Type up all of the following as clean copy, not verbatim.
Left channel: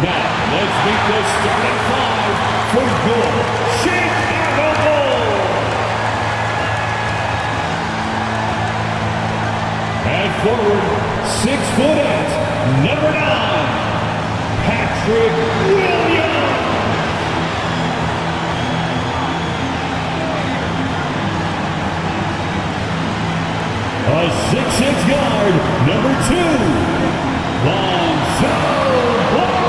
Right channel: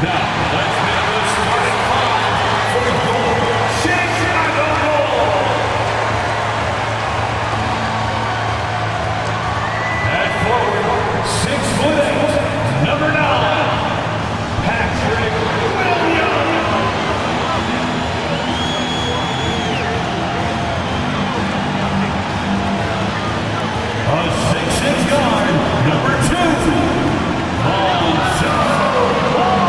Now, let's meet the starting five for your Chicago Bulls. At forward, 6'8", number 9, Patrick Williams. A 6'6" guard, number 2, Lonzo Ball.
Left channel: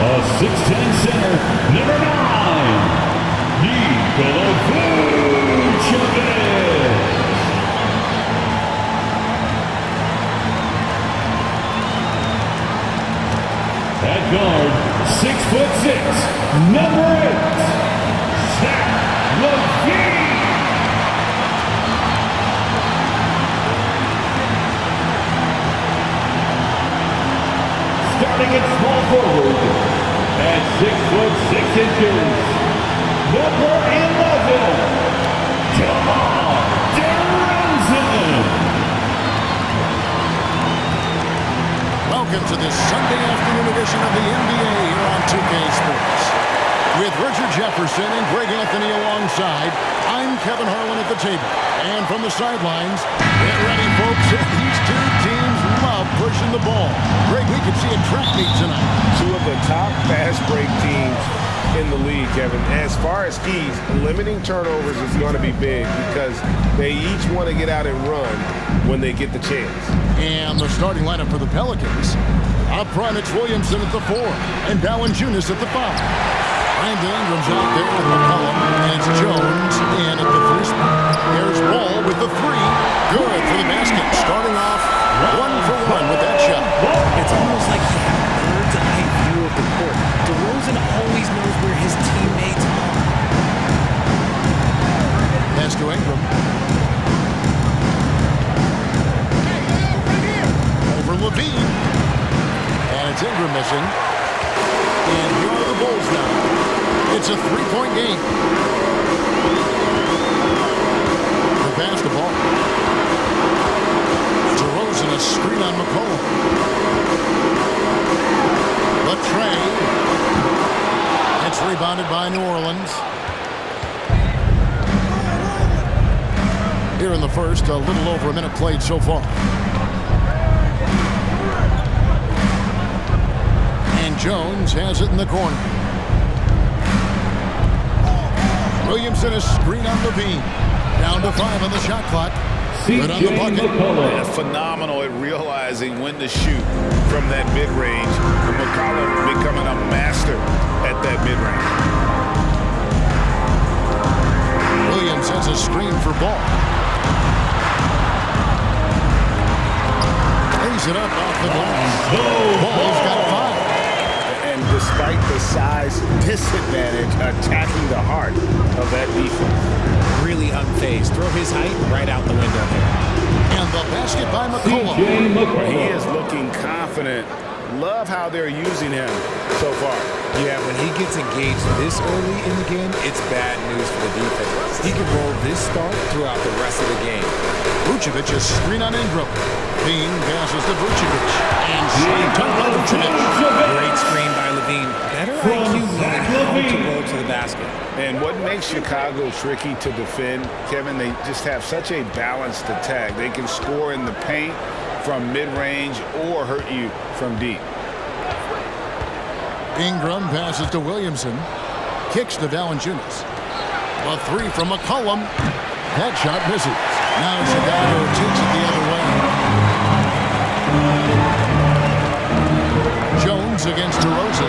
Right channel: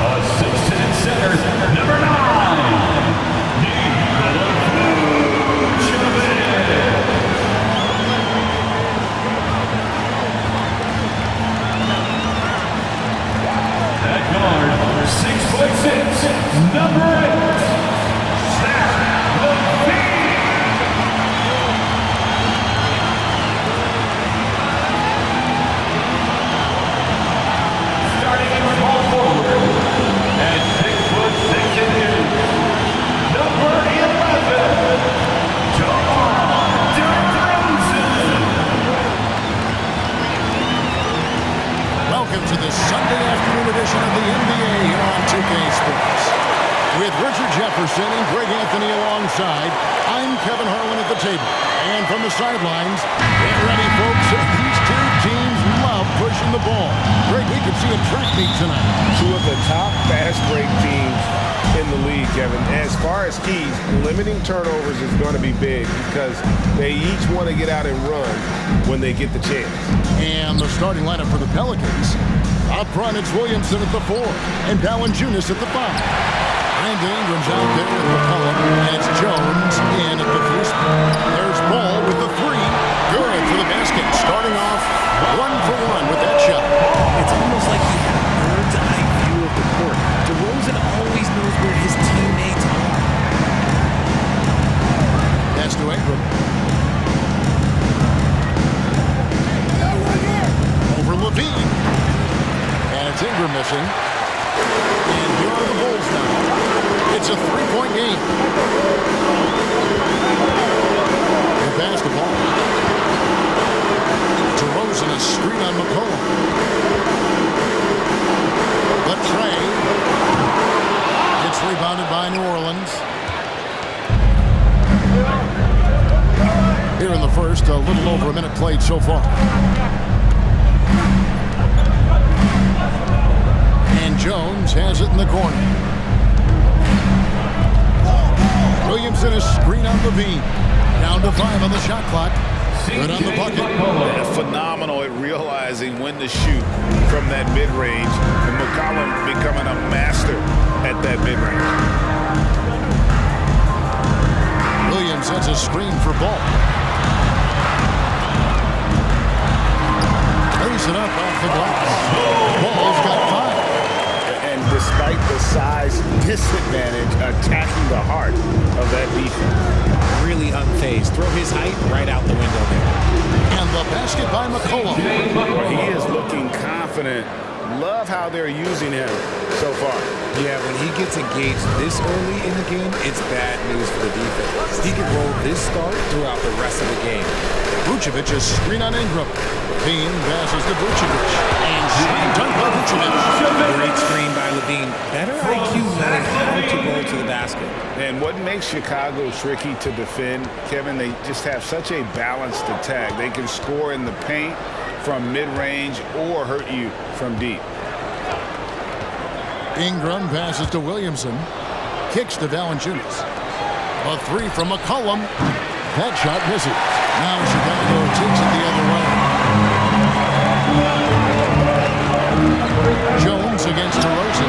A 6'10" center, number 9, Nikola Vucevic. At guard, 6'6", number 8, Zach LaVine. Starting at small forward, at 6'6", number 11, DeMar DeRozan. Welcome to this Sunday afternoon edition of the NBA here on 2K Sports. With Richard Jefferson and Greg Anthony alongside, I'm Kevin Harlan at the table. And from the sidelines, get ready, folks. These two teams love pushing the ball. Greg, we could see a track meet tonight. Two of the top fast break teams in the league, Kevin. As far as keys, limiting turnovers is going to be big because they each want to get out and run when they get the chance. And the starting lineup for the Pelicans. Up front, it's Williamson at the 4 and Valanciunas at the 5. Brandon Ingram's out there with McCollum, and it's Jones in at the 3 spot. There's Ball with the 3. Good for the basket. Starting off 1 for 1 with that shot. It's almost like he had a bird's eye view of the court. DeRozan always knows where his teammates are. Pass to Ingram. Over Levine. And it's Ingram missing. And here are the Bulls now. It's a 3-point game. The basketball. DeRozan, a screen on McCollum. Latrey. It's rebounded by New Orleans. Here in the first, a little over a minute played so far. And Jones has it in the corner. Williamson, a screen on Levine. Down to 5 on the shot clock. Good on the bucket. Yeah, phenomenal at realizing when to shoot from that mid-range. And McCollum becoming a master at that mid-range. Williams has a screen for Ball. Lays it up off the glass. Ball's got 5. And despite the size disadvantage, attacking the heart of that defense. Really unfazed. Throw his height right out the window there. And the basket by McCollum. Well, he is looking confident. Love how they're using him so far. Yeah, when he gets engaged this early in the game, it's bad news for the defense. He can roll this start throughout the rest of the game. Vucevic, a screen on Ingram. Levine passes to Vucevic. And slam dunk by Vucevic. Great screen by Levine. Better IQ knowing how to roll to the basket. And what makes Chicago tricky to defend, Kevin, they just have such a balanced attack. They can score in the paint from mid-range or hurt you from deep. Ingram passes to Williamson. Kicks to Valanciunas. A 3 from McCollum. That shot misses. Now Chicago takes it the other way. Jones against DeRozan.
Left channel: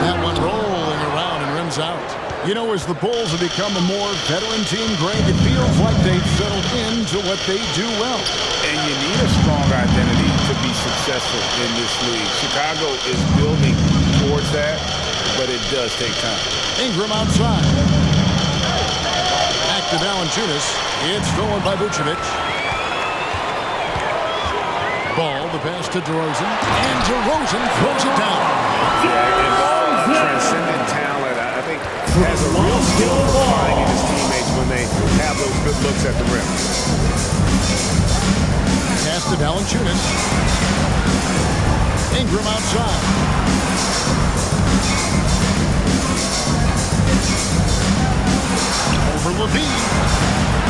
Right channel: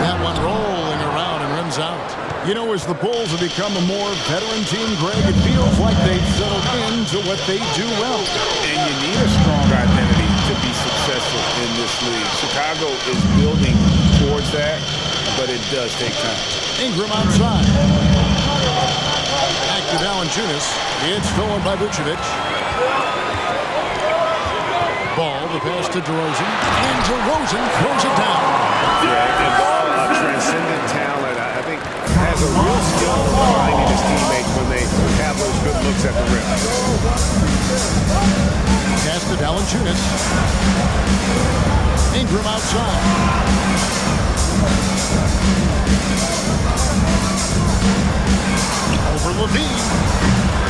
That one rolling around and rims out. You know, as the Bulls have become a more veteran team, Greg, it feels like they've settled into what they do well. And you need a strong identity to be successful in this league. Chicago is building towards that, but it does take time. Ingram outside. Back to Valanciunas. It's stolen by Vucevic. Ball, the pass to DeRozan. And DeRozan throws it down. Yeah, and Ball, a transcendent talent, I think, has a real skill for finding his teammates when they have those good looks at the rim. Pass to Valanciunas. Ingram outside. Over Levine.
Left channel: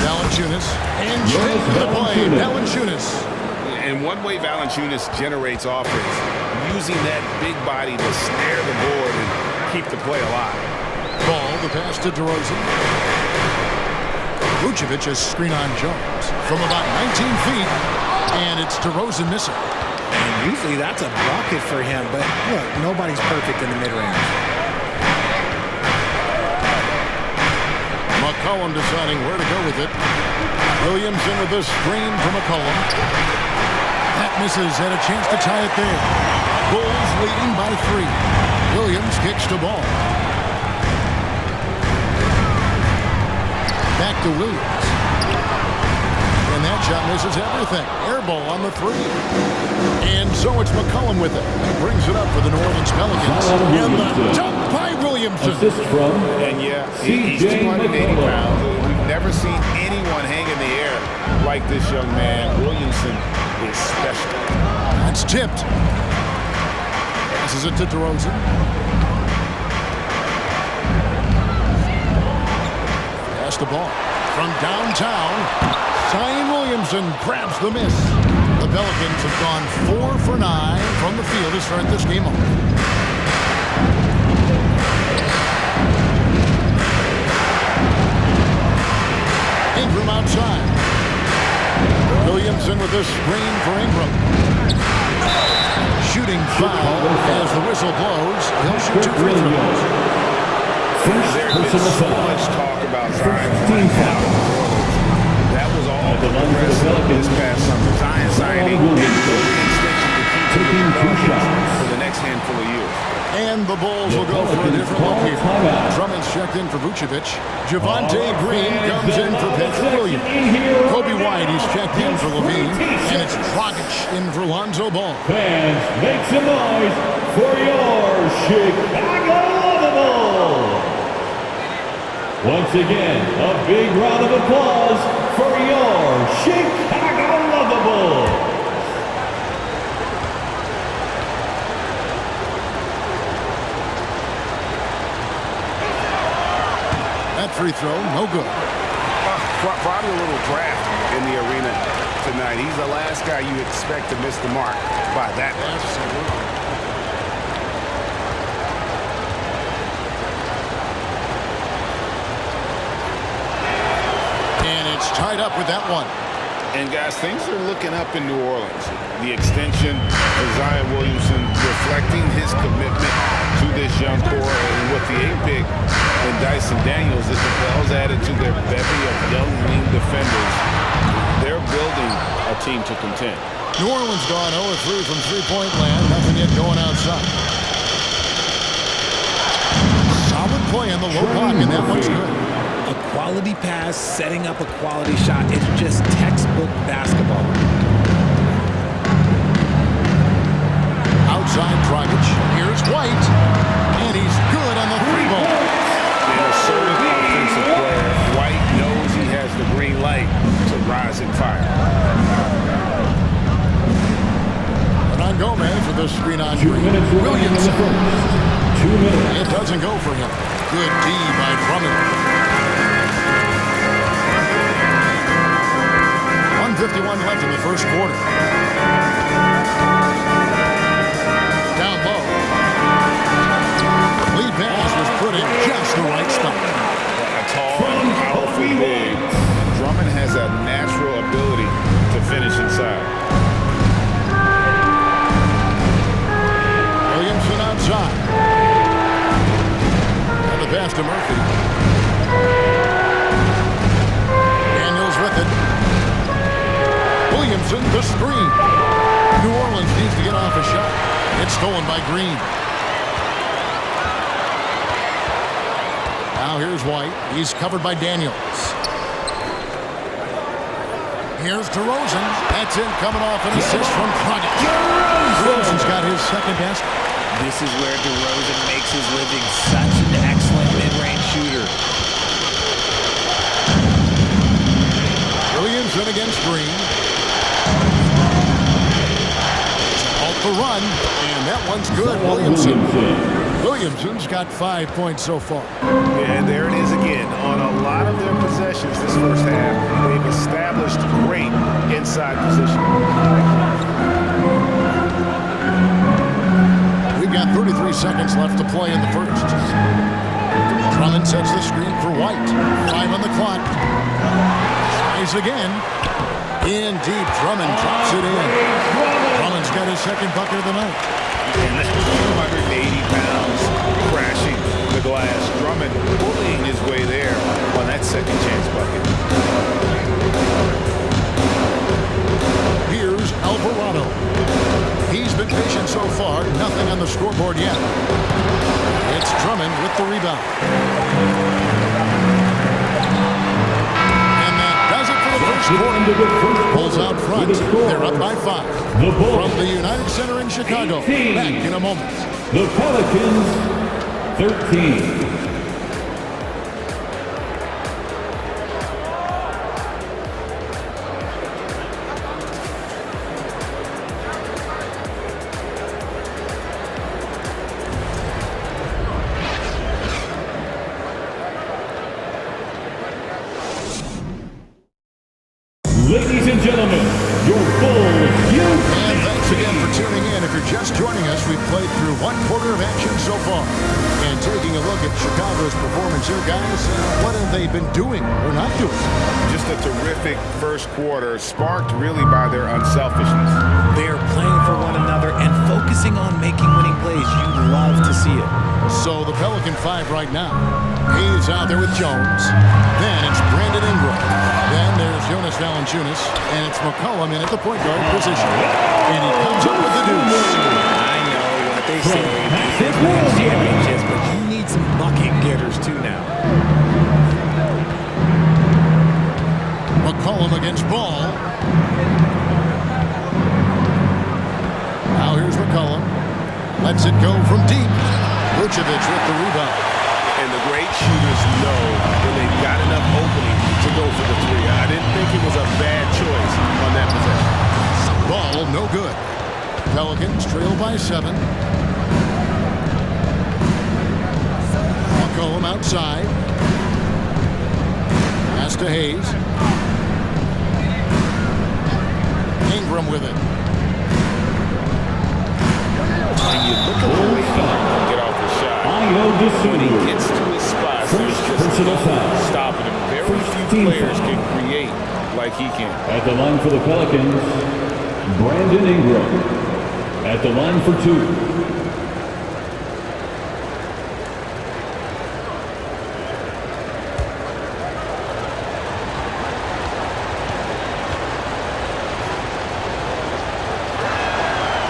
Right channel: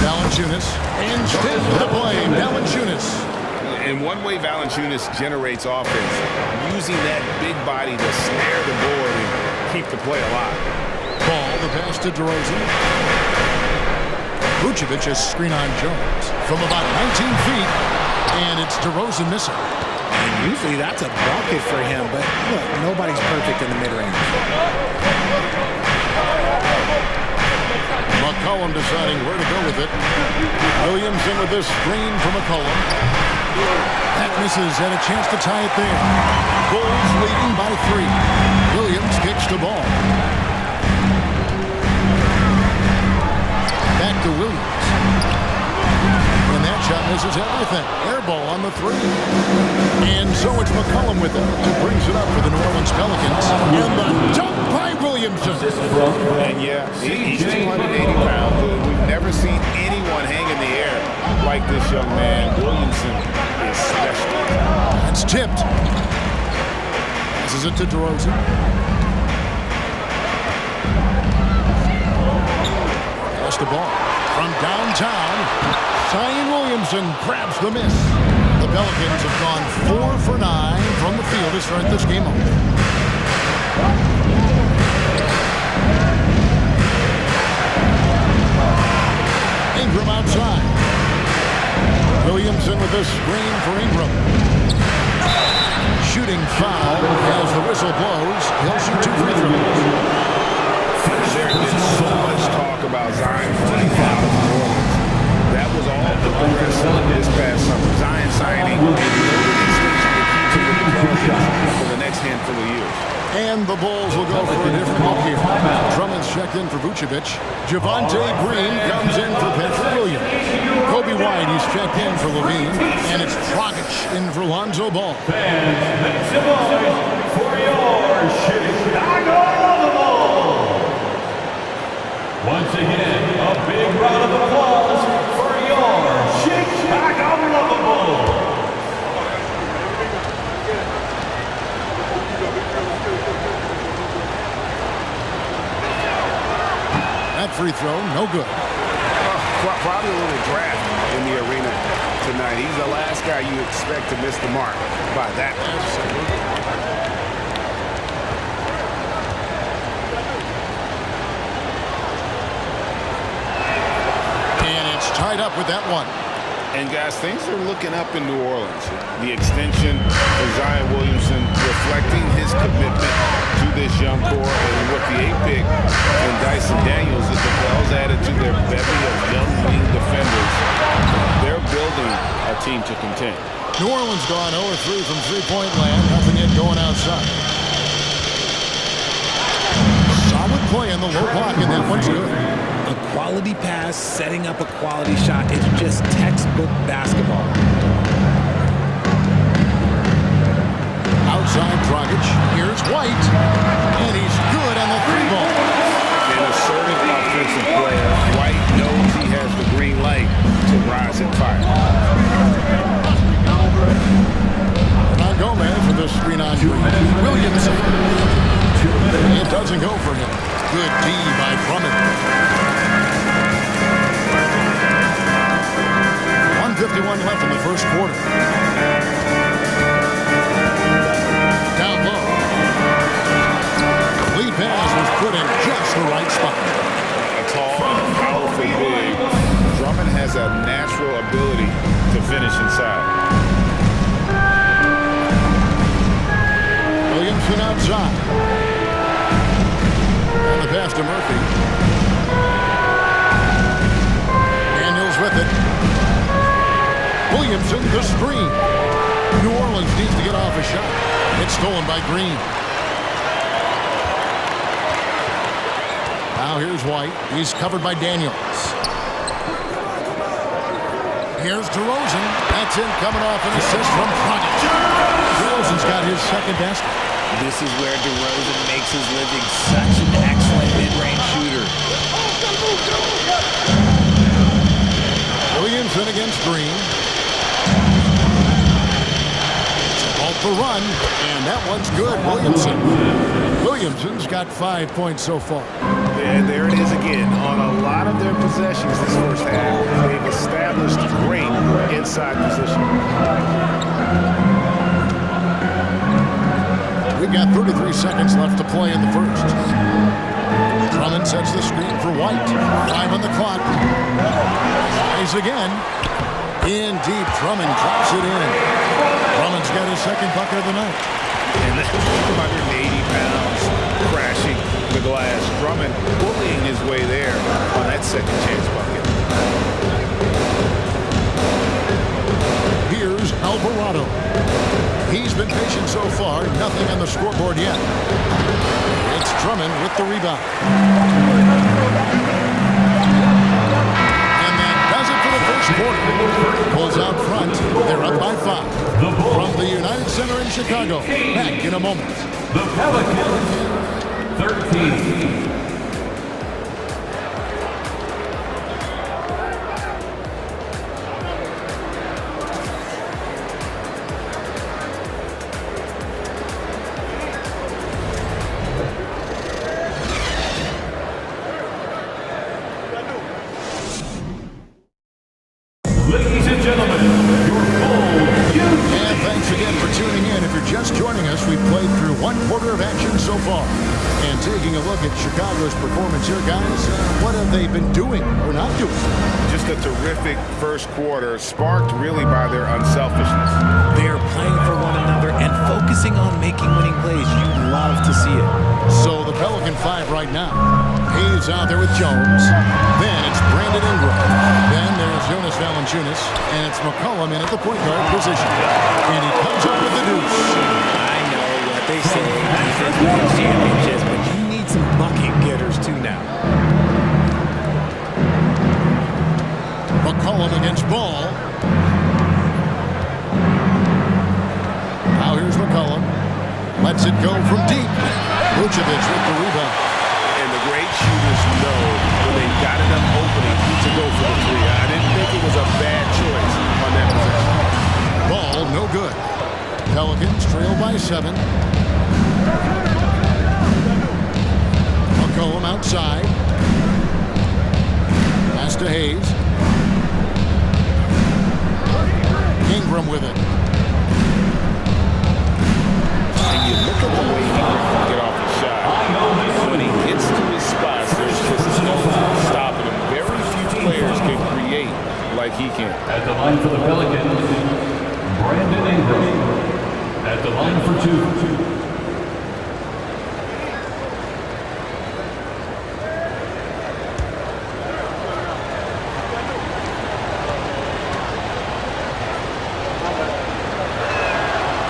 Valanciunas. Into the play. Valanciunas. And one way Valanciunas generates offense, using that big body to snare the board and keep the play alive. Ball, the pass to DeRozan. Vucevic has screen on Jones from about 19 feet, and it's DeRozan missing. And usually that's a bucket for him, but look, nobody's perfect in the mid-range. McCollum deciding where to go with it. Williamson with the screen for McCollum. That misses, and a chance to tie it there. Bulls leading by 3. Williams kicks the ball. Back to Williams. And that shot misses everything. Air ball on the 3. And so it's McCollum with it. He brings it up for the New Orleans Pelicans. And the dunk by Williamson. And yeah, he's 280 pounds. We've never seen anyone hang in the air like this young man. Williamson is special. That's tipped. Passes it to DeRozan. Pass the ball from downtown. Zion Williamson grabs the miss. The Pelicans have gone 4 for 9 from the field to start this game off. Ingram outside. Williamson with the screen for Ingram. Shooting foul as the whistle blows. He'll shoot 2 free throws. There's been so much talk about Zion wanting out of New Orleans. That was all put to rest this past summer. Zion signing a loaded extension to keep him with the Pelicans for the next handful of years. And the Bulls will go for a different look here. Drummond's checked in for Vucevic. Javonte Green comes in for Patrick Williams. Kobe White, he's checked in for Levine. And it's Dragic in for Lonzo Ball. Fans, make some noise for your Chicago Lovables. Once again, a big round of applause for your Chicago Lovables. That free throw, no good. Probably a little draft in the arena tonight. He's the last guy you expect to miss the mark by that much. Absolutely. And it's tied up with that one. And guys, things are looking up in New Orleans. The extension for Zion Williamson reflecting his commitment to this young core, and with the 8th pick and Dyson Daniels, the Pels added to their bevy of young wing defenders. They're building a team to contend. New Orleans gone 0-3 from three-point land. Nothing yet going outside. Solid play on the low block, and that one's good. A quality pass, setting up a quality shot. It's just textbook basketball. Outside Dragic. Here's White. And he's good on the 3-ball. An assertive offensive player. White knows he has the green light to rise and fire. Hernan Gomez with the screen on Green. Williamson. 2 minutes. It doesn't go for him. Good D by Drummond. 1:51 left in the first quarter. Down low. Lead pass was put in just the right spot. A tall and powerful big. Drummond has a natural ability to finish inside. Williamson outside. And the pass to Murphy. Daniels with it. Williamson, the screen. New Orleans needs to get off a shot. It's stolen by Green. Now here's White. He's covered by Daniels. Here's DeRozan. That's it, coming off an assist from Dragic. DeRozan's got his second basket. This is where DeRozan makes his living. Such an excellent mid-range shooter. Williamson against Green. Halt the run, and that one's good. Williamson's got 5 points so far. And there it is again. On a lot of their possessions this first half, they've established great inside position. We've got 33 seconds left to play in the first. Drummond sets the screen for White. 5 on the clock. Tries again. In deep, Drummond drops it in. Drummond's got his second bucket of the night. And that's 280 pounds crashing the glass. Drummond bullying his way there on that second chance bucket. Here's Alvarado. He's been patient so far. Nothing on the scoreboard yet. It's Drummond with the rebound. And that does it for the first quarter. Bulls out front. They're up by 5. From the United Center in Chicago. Back in a moment. The Pelicans, 13. Ladies and gentlemen, your Bulls youth. And thanks again for tuning in. If you're just joining us, we've played through one quarter of action so far. And taking a look at Chicago's performance here, guys, what have they been doing or not doing? Just a terrific first quarter, sparked really by their unselfishness. They're playing for one another and focusing on making winning plays. You love to see it. So the Pelican 5 right now. He's out there with Jones. Then it's Brandon Ingram. Then there's Jonas Valanciunas. And it's McCollum in at the point guard position. And he comes up with the deuce. I know what they say. Defense wins championships, but you need some bucket getters too now. McCollum against Ball. Now here's McCollum. Lets it go from deep. Vucevic with the rebound. And the great shooters know when they've got enough opening to go for the three. I didn't think it was a bad choice on that possession. Ball, no good. Pelicans trail by 7. McCollum outside. Pass to Hayes. Ingram with it. And you look at the way Ingram can get off the shot. When he gets to his spots, there's just no stopping him. Very few players can create like he can. At the line for the Pelicans, Brandon Ingram. At the line for 2.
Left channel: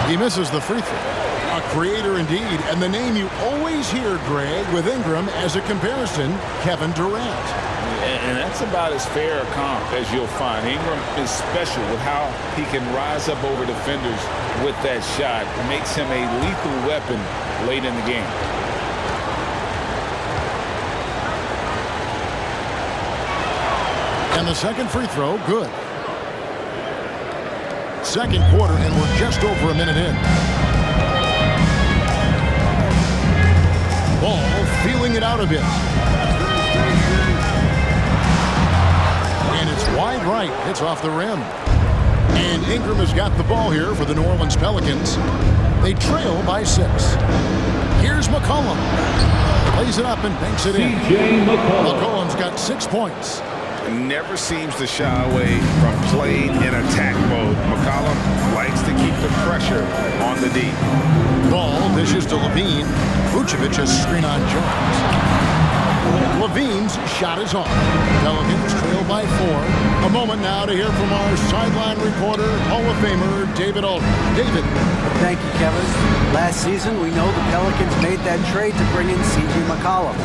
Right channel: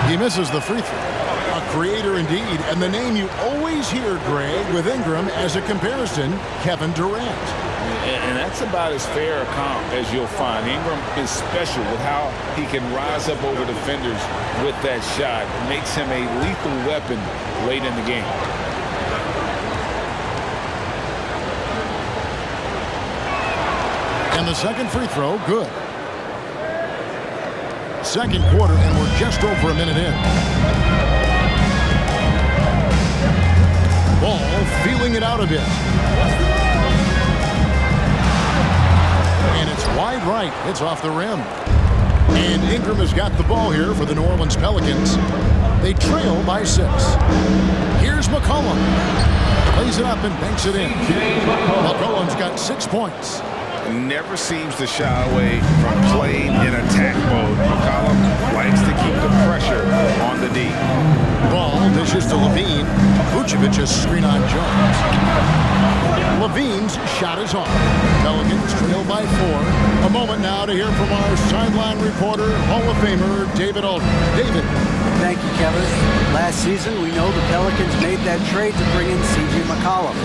He misses the free throw. A creator indeed, and the name you always hear, Greg, with Ingram as a comparison, Kevin Durant. And that's about as fair a comp as you'll find. Ingram is special with how he can rise up over defenders with that shot. It makes him a lethal weapon late in the game. And the second free throw, good. Second quarter, and we're just over a minute in. Ball feeling it out a bit. And it's wide right. It's off the rim. And Ingram has got the ball here for the New Orleans Pelicans. They trail by 6. Here's McCollum. Plays it up and banks it in. McCollum's got 6 points. Never seems to shy away from playing in attack mode. McCollum likes to keep the pressure on the D. Ball dishes to Levine. Vucevic has screen on Jones. Levine's shot is off. Pelicans trail by 4. A moment now to hear from our sideline reporter, Hall of Famer David Aldridge. David. Thank you, Kevin. Last season, we know the Pelicans made that trade to bring in C.J. McCollum.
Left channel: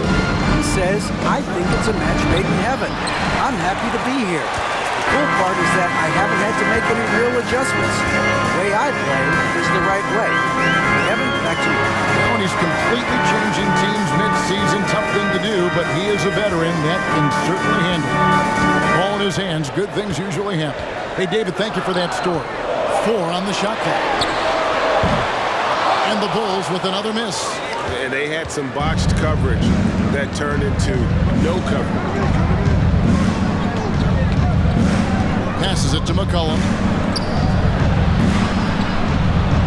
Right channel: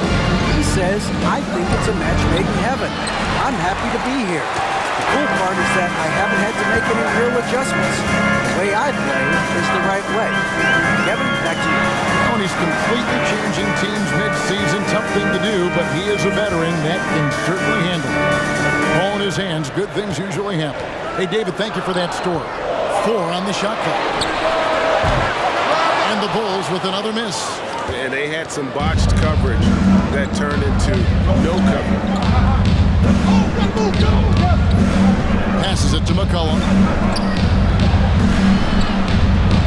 He says, I think it's a match made in heaven. I'm happy to be here. The cool part is that I haven't had to make any real adjustments. The way I play is the right way. Kevin, back to you. Well, and he's completely changing teams mid-season. Tough thing to do, but he is a veteran that can certainly handle it. Ball in his hands. Good things usually happen. Hey, David, thank you for that story. 4 on the shot clock. And the Bulls with another miss. And they had some botched coverage that turned into no coverage. Passes it to McCollum.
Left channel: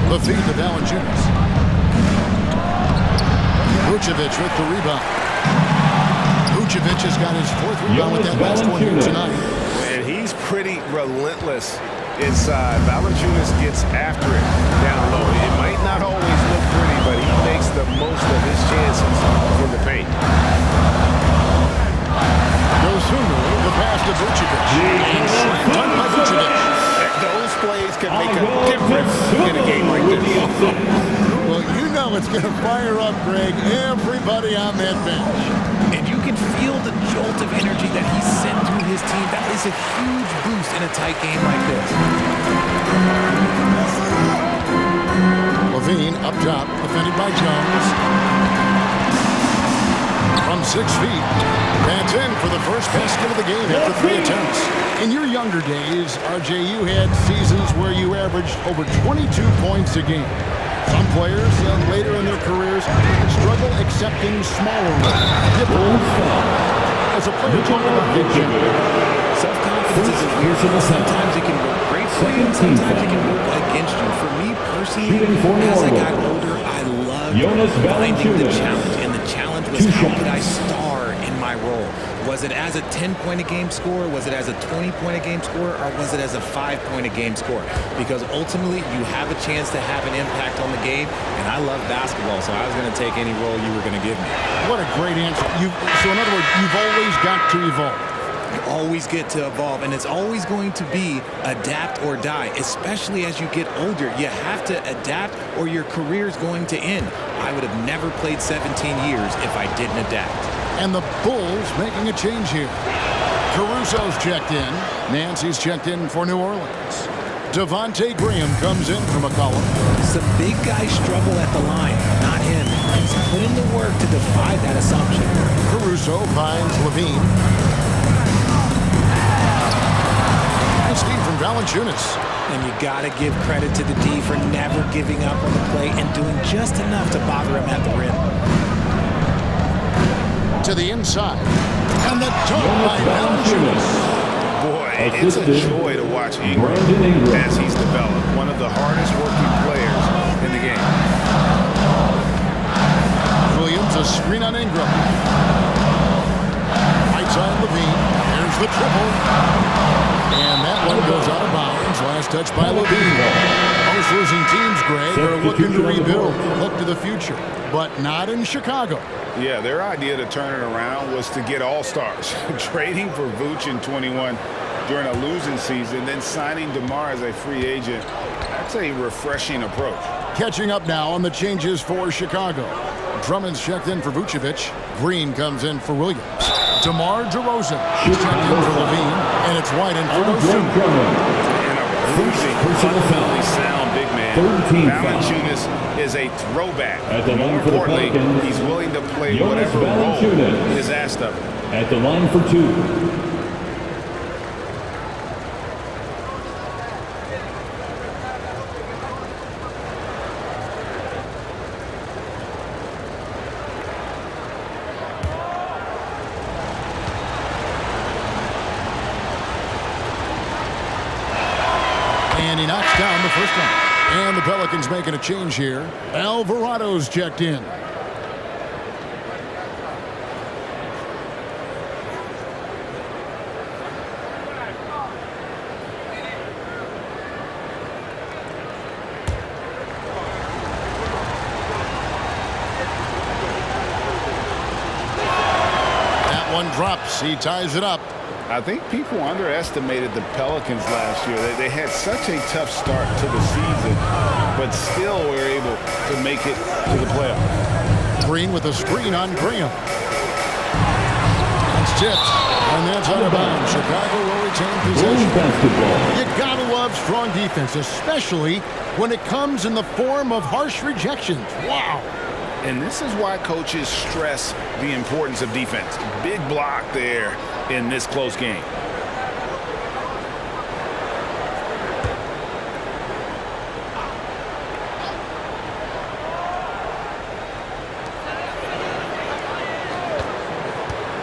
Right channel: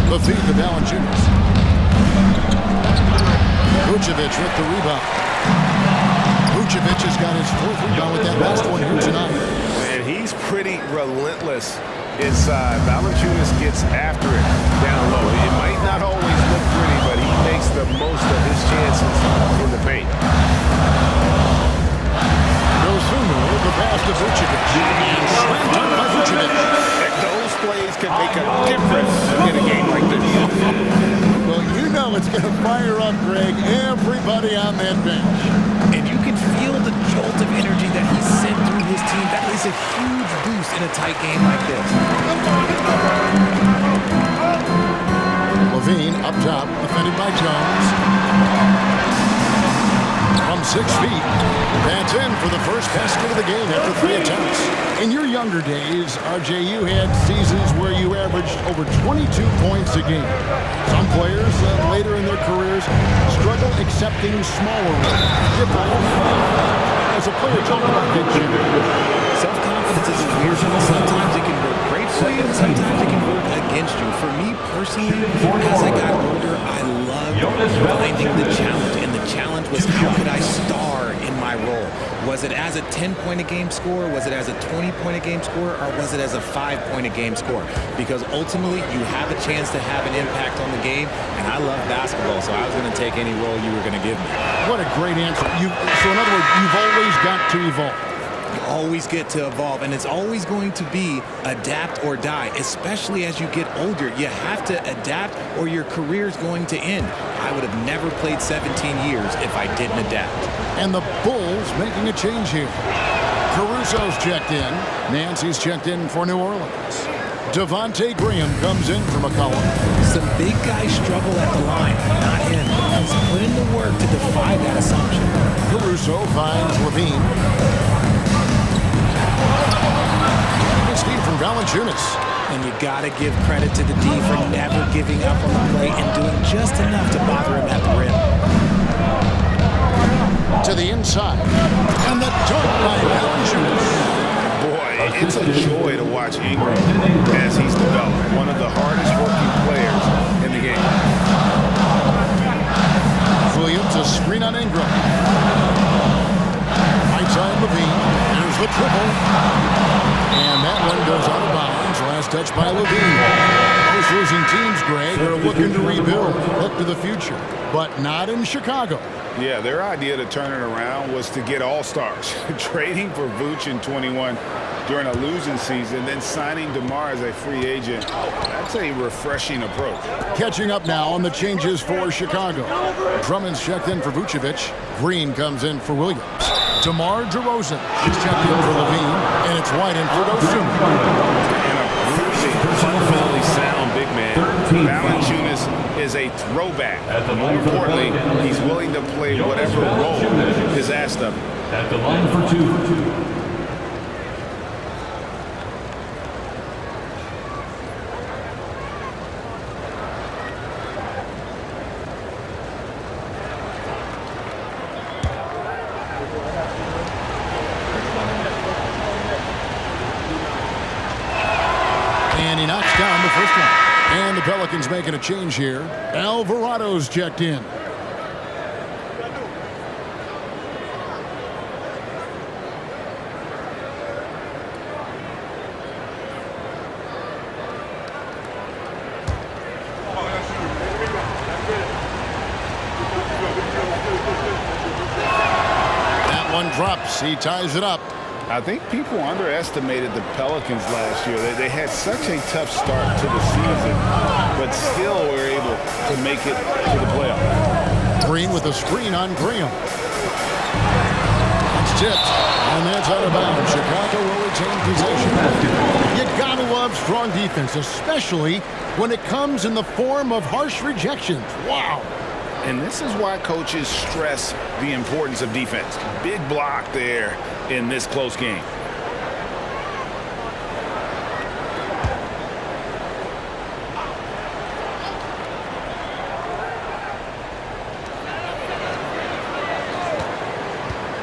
The feed to Valanciunas. Vucevic with the rebound. Vucevic has got his 4th rebound with that last one here tonight. And he's pretty relentless inside. Valanciunas gets after it down low. It might not always look pretty, but he makes the most of his chances in the paint. Dosunmu, the pass to Vucevic. And slam dunk by Vucevic. Those plays can make a difference in a game like this. Well, you know it's going to fire up, Greg, everybody on that bench. And you can feel the jolt of energy that he sent through his team. That is a huge boost in a tight game like this. Levine up top, defended by Jones. From 6 feet, that's in for the first basket of the game after 3 attempts. In your younger days, RJ, you had seasons where you averaged over 22 points a game. Some players later in their careers struggle accepting smaller roles, different. As a player, talk about that challenge. Self-confidence is a weird thing. Sometimes it can work great for you, and sometimes it can work against you. For me personally, as I got older, I loved finding the challenge. And the challenge was, how could I star in my role? Was it as a 10-point-a-game scorer? Was it as a 20-point-a-game scorer? Or was it as a 5-point-a-game scorer? Because ultimately, you have a chance to have an impact on the game. And I love basketball, so I was going to take any role you were going to give me. What a great answer. So in other words, you've always got to evolve. You always get to evolve, and it's always going to be adapt or die, especially as you get older. You have to adapt or your career is going to end. I would have never played 17 years if I didn't adapt. And the Bulls making a change here. Caruso's checked in. Nancy's checked in for New Orleans. Devontae Graham comes in for McCollum. Some big guys struggle at the line, not him. He's put in the work to defy that assumption. Caruso finds Levine. Steve from Valanciunas. And you got to give credit to the D for never giving up on the play and doing just enough to bother him at the rim. To the inside. And the dunk by Valanciunas. Boy, it's a joy to watch Ingram as he's developed. One of the hardest working players in the game. Williams, a screen on Ingram. Right side Levine. There's the triple. And that one goes out of bounds. Last touch by Levine. Most losing teams, Greg, are looking to rebuild, look to the future, but not in Chicago. Yeah, their idea to turn it around was to get all-stars. Trading for Vooch in 21 during a losing season, then signing DeMar as a free agent. That's a refreshing approach. Catching up now on the changes for Chicago. Drummond's checked in for Vucevic. Green comes in for Williams. DeMar DeRozan is checked in for Levine, and it's White in for Dosunmu. And a bruising, fundamentally sound big man. Valanciunas is a throwback. More importantly, he's willing to play whatever role is asked of him. At the line for 2. And he knocks down the first one. And the Pelicans making a change here. Alvarado's checked in. That one drops. He ties it up. I think people underestimated the Pelicans last year. They had such a tough start to the season, but still were able to make it to the playoffs. Green with a screen on Graham. That's tipped. And that's out of bounds. Chicago will retain possession. Basketball. You gotta love strong defense, especially when it comes in the form of harsh rejections. Wow. And this is why coaches stress the importance of defense. Big block there in this close game.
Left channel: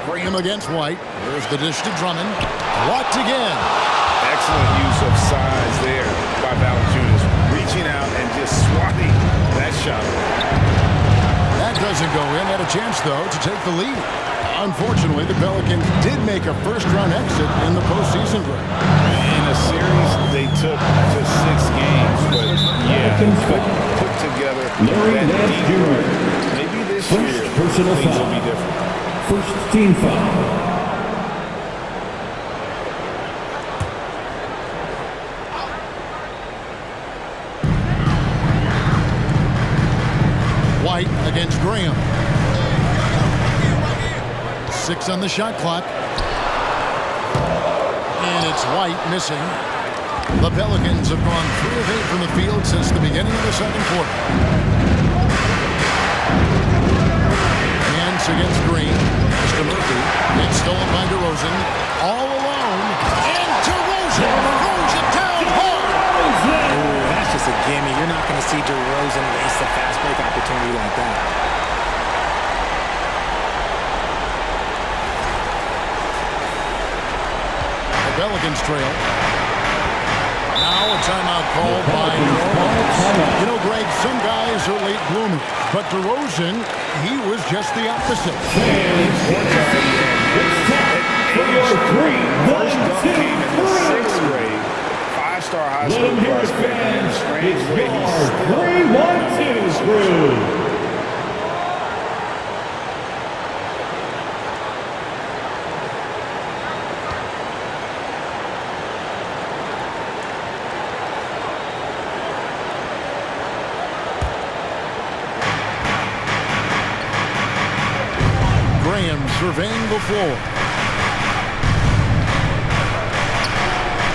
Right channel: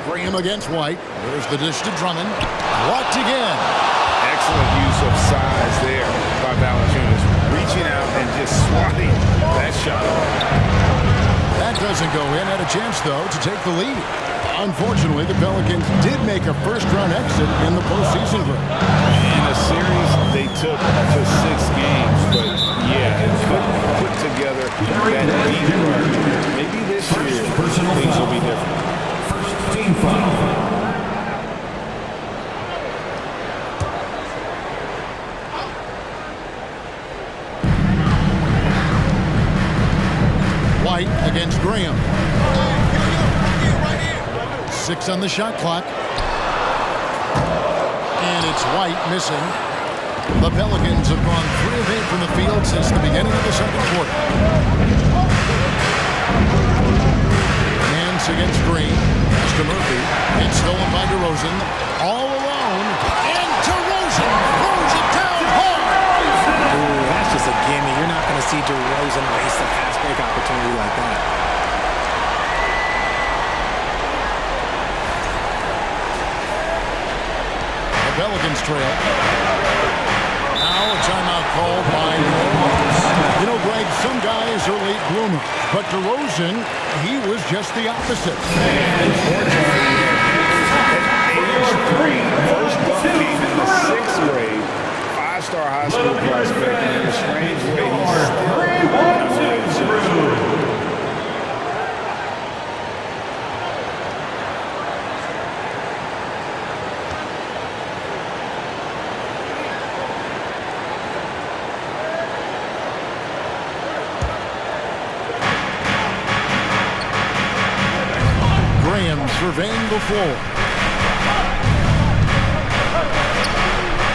Graham against White. There's the dish to Drummond. Blocked again. Excellent use of size there by Valanciunas, reaching out and just swatting that shot away. That doesn't go in. Had a chance, though, to take the lead. Unfortunately, the Pelicans did make a first-round exit in the postseason group. In a series, they took to 6 games, but yeah, couldn't put together that deep run. Maybe this year, things will be different. First team foul. White against Graham. 6 on the shot clock. And it's White missing. The Pelicans have gone 3 of 8 from the field since the beginning of the second quarter. Nance against Green. Pass to Murphy. It's stolen by DeRozan. All alone. And DeRozan throws it down hard. Ooh, that's just a gimme. You're not going to see DeRozan waste a fast break opportunity like that. The Pelicans trail. Now a timeout called by New Orleans. You know, Greg, some guys are late bloomers, but DeRozan, he was just the opposite. And Porter at age 3. First dunk came in the 6th grade. 5-star high school prospect, and in a strange way, he's still an underrated superstar. Graham surveying the floor.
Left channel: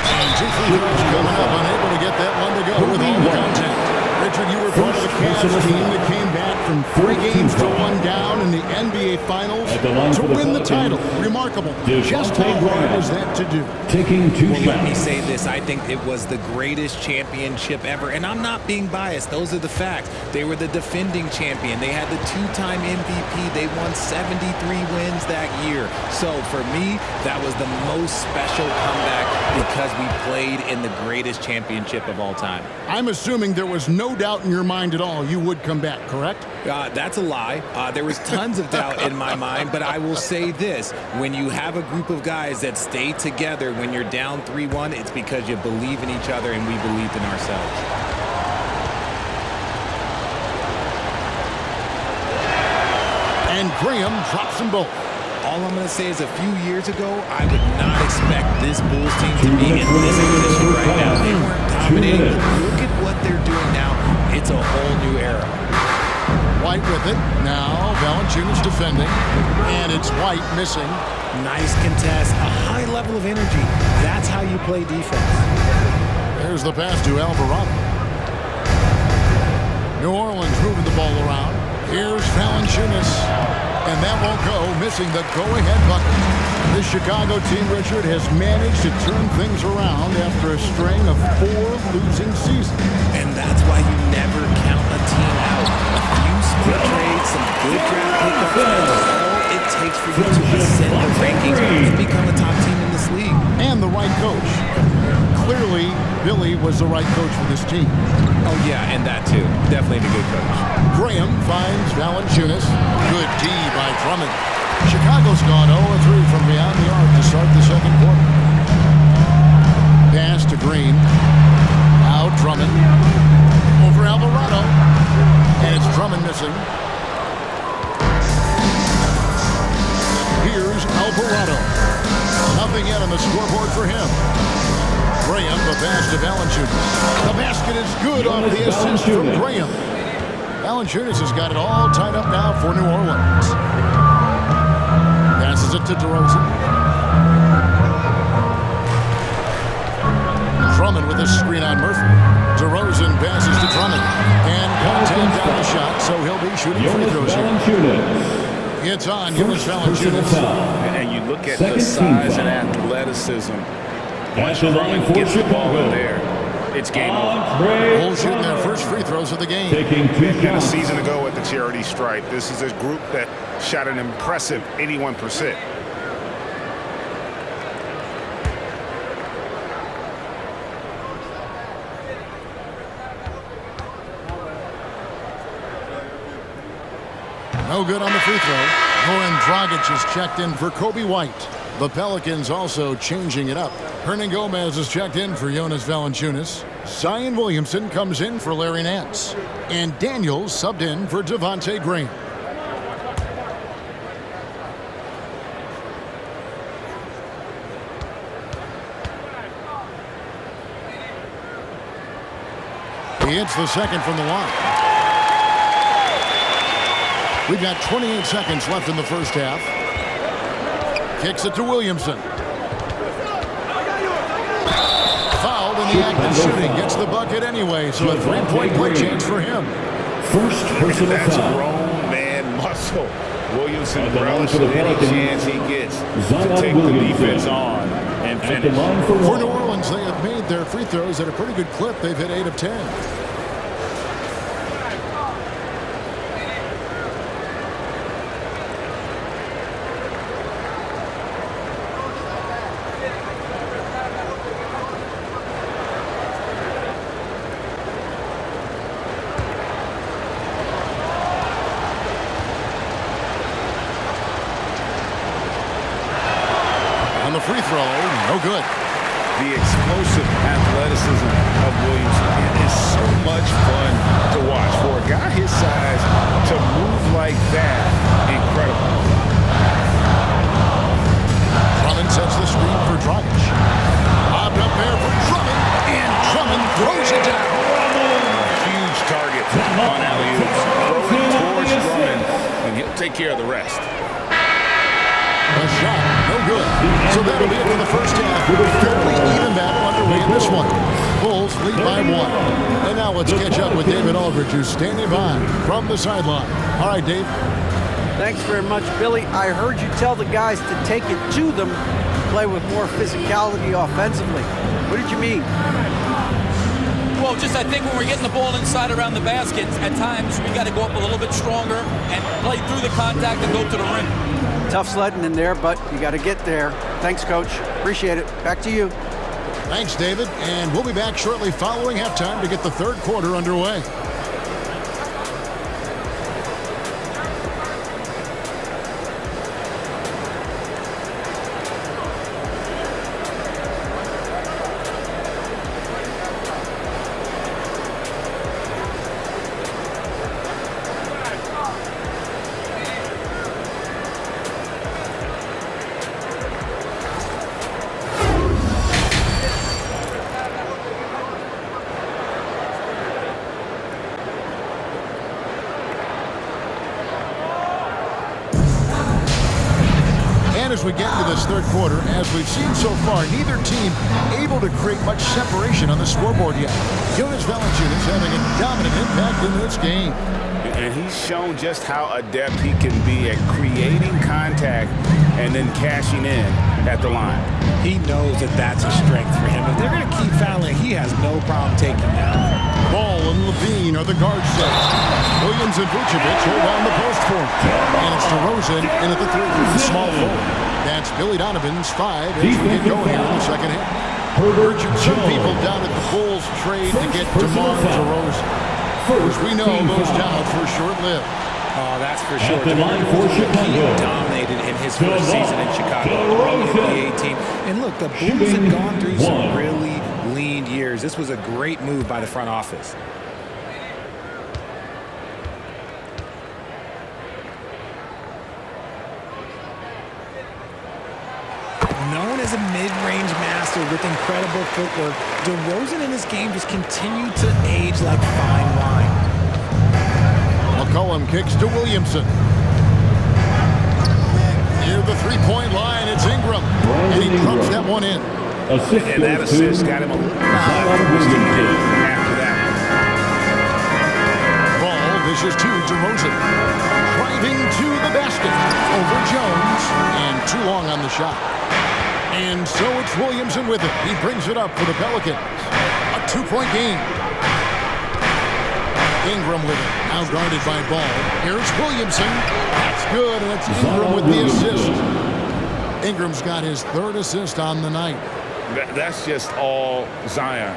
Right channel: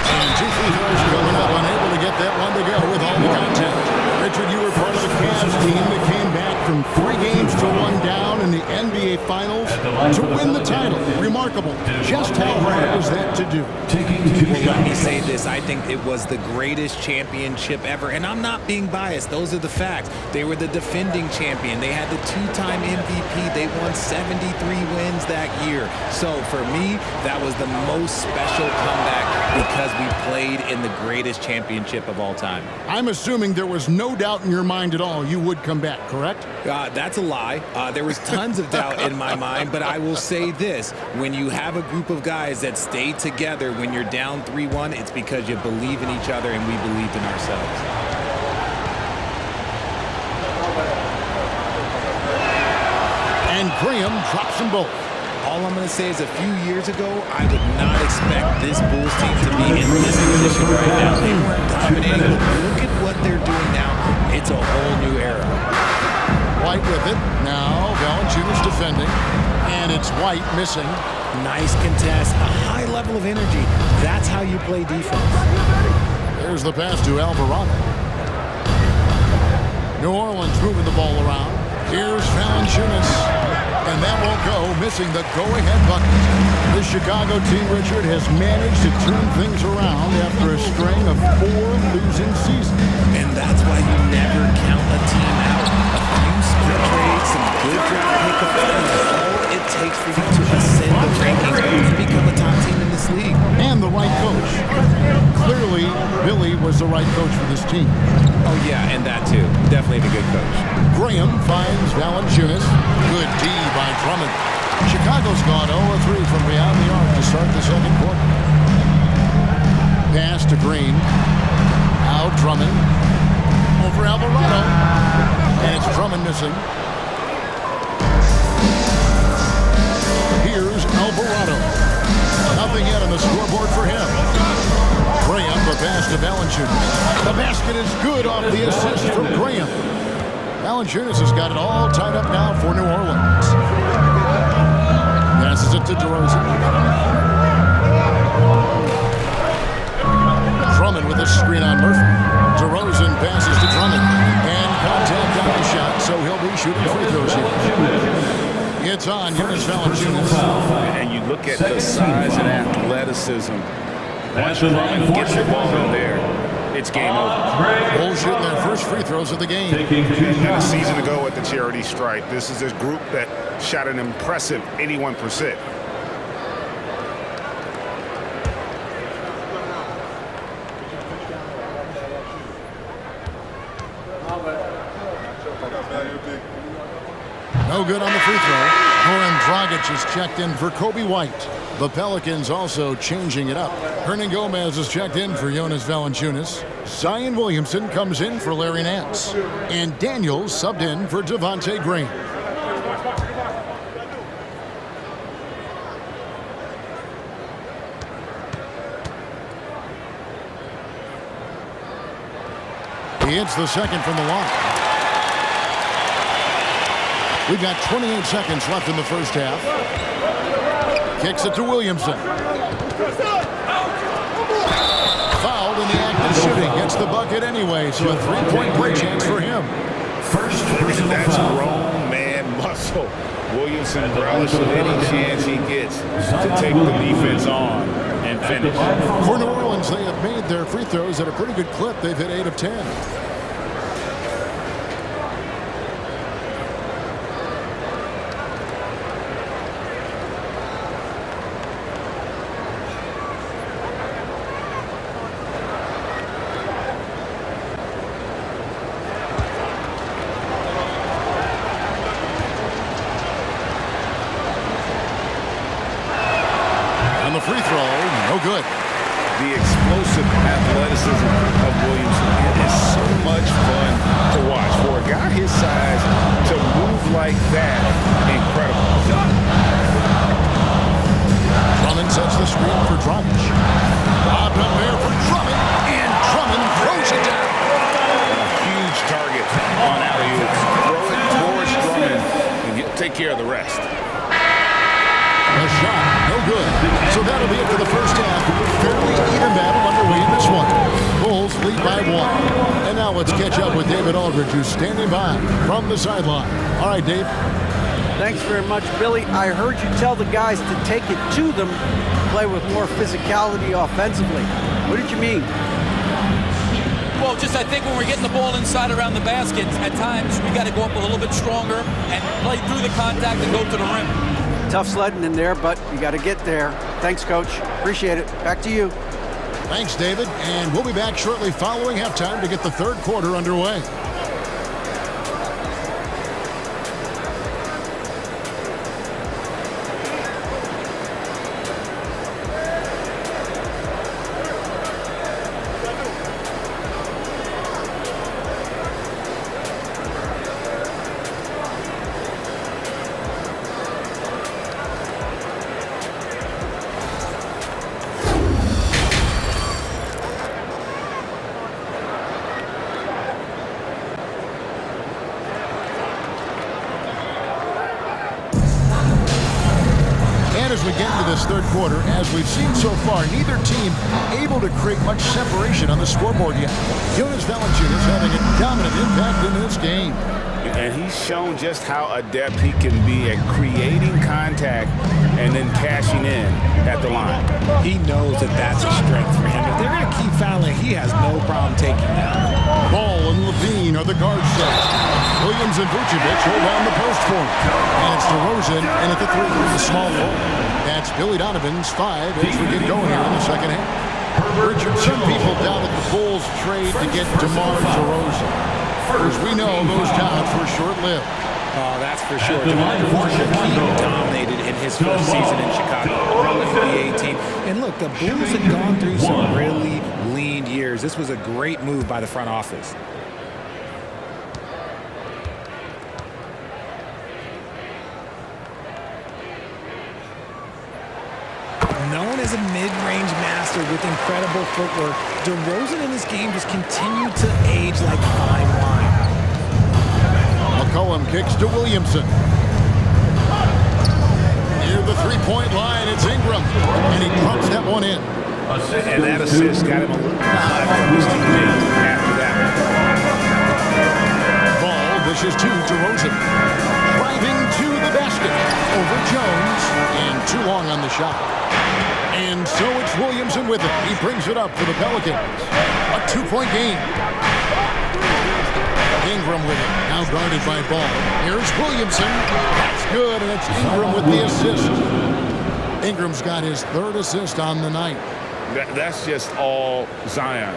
And 2 free throws coming up, unable to get that one to go with all the contact. Richard, you were part of the Cavs team that came back from 3 games to 1 down in the NBA Finals to win the title. Remarkable. Just how hard was that to do? Taking 2 Well, shots. let me say this. I think it was the greatest championship ever. And I'm not being biased. Those are the facts. They were the defending champion. They had the 2-time MVP. They won 73 wins that year. So for me, that was the most special comeback because we played in the greatest championship of all time. I'm assuming there was no doubt in your mind at all you would come back, correct? That's a lie. There was tons of doubt in my mind, but I will say this. When you have a group of guys that stay together when you're down 3-1, it's because you believe in each other and we believed in ourselves. And Graham drops them both. All I'm going to say is a few years ago, I would not expect this Bulls team to be in this position right now. They weren't dominating, but look at what they're doing now. It's a whole new era. White with it. Now Valanciunas defending. And it's White missing. Nice contest, a high level of energy. That's how you play defense. There's the pass to Alvarado. New Orleans moving the ball around. Here's Valanciunas. And that won't go, missing the go-ahead bucket. This Chicago team, Richard, has managed to turn things around after a string of 4 losing seasons. And that's why you never count a team out. A few smart trades, some good draft pickups, that's all it takes for you to ascend the rankings and become a top team in this league. And the right coach. Clearly, Billy was the right coach for this team. Oh, yeah, and that too. Definitely the good coach. Graham finds Valanciunas. Good D by Drummond. Chicago's gone 0-3 from beyond the arc to start the second quarter. Pass to Green. Now Drummond. Over Alvarado. And it's Drummond missing. Here's Alvarado. Nothing yet on the scoreboard for him. Graham, the pass to Valanciunas. The basket is good off the assist from Graham. Valanciunas has got it all tied up now for New Orleans. Passes it to DeRozan. Drummond with a screen on Murphy. DeRozan passes to Drummond. And contact on the shot, so he'll be shooting free throws here. It's on Jonas Valanciunas. And you look at the size and athleticism. Once Drummond gets the ball in there, it's game over. Bulls shooting their first free throws of the game. And a season ago at the charity stripe, this is a group that shot an impressive 81%. No good on the free throw. Goran Dragic is checked in for Kobe White. The Pelicans also changing it up. Hernan Gomez is checked in for Jonas Valanciunas. Zion Williamson comes in for Larry Nance. And Daniels subbed in for Devontae Green. He hits the second from the line. We've got 28 seconds left in the first half. Kicks it to Williamson. Fouled in the act of shooting. Gets the bucket anyway, so a three-point play chance for him. First personal That's foul. grown man muscle. Williamson relishes any chance he gets to take the defense on and finish. For New Orleans, they have made their free throws at a pretty good clip. They've hit 8 of 10. The free throw, no good. The explosive athleticism of Williamson is so much fun to watch. For a guy his size to move like that, incredible. Drummond sets the screen for Dragic. Lobbed up there for Drummond, and Drummond throws it down. A huge target on alley-oops. Throw it towards Drummond, and he'll take care of the rest. A shot, no good. So that'll be it for the first half. Fairly even battle underway in this one. Bulls lead by 1. And now let's catch up with David Aldridge, who's standing by from the sideline. All right, Dave. Thanks very much, Billy. I heard you tell the guys to take it to them, play with more physicality offensively. What did you mean? Well, just I think when we're getting the ball inside around the basket, at times we got to go up a little bit stronger and play through the contact and go to the rim. Tough sledding in there, but you got to get there. Thanks, Coach. Appreciate it. Back to you. Thanks, David. And we'll be back shortly following halftime to get the third quarter underway. As we get into this third quarter, as we've seen so far, neither team able to create much separation on the scoreboard yet. Jonas Valanciunas having a dominant impact in this game. And he's shown just how adept he can be at creating contact and then cashing in at the line. He knows that that's a strength for him. If they're going to keep fouling, he has no problem taking that. Ball and Levine are the guard sets. Williams and Vucevic hold down the post for him. And it's DeRozan in at the 3, the small forward. That's Billy Donovan's 5 as we get going here in the second half. Richard, some people doubted the Bulls trade to get DeMar DeRozan. As we know, those doubts were short-lived. Oh, that's for sure. DeMar DeRozan, he dominated in his first season in Chicago, All-NBA team. And look, the Bulls had gone through some really lean years. This was a great move by the front office. Known as a mid-range master with incredible footwork, DeRozan in his game just continued to age like fine wine. McCollum kicks to Williamson. Near the three-point line, it's Ingram. And he drops that one in. Assist And that goes to assist got him a little nod from his teammate after that one. Ball dishes to DeRozan. Driving to the basket. Over Jones. And too long on the shot. And so it's Williamson with it. He brings it up for the Pelicans. A 2-point game. Ingram with it. Now guarded by Ball. Here's Williamson. That's good, and it's Ingram with the assist. Ingram's got his 3rd assist on the night. That's just all Zion.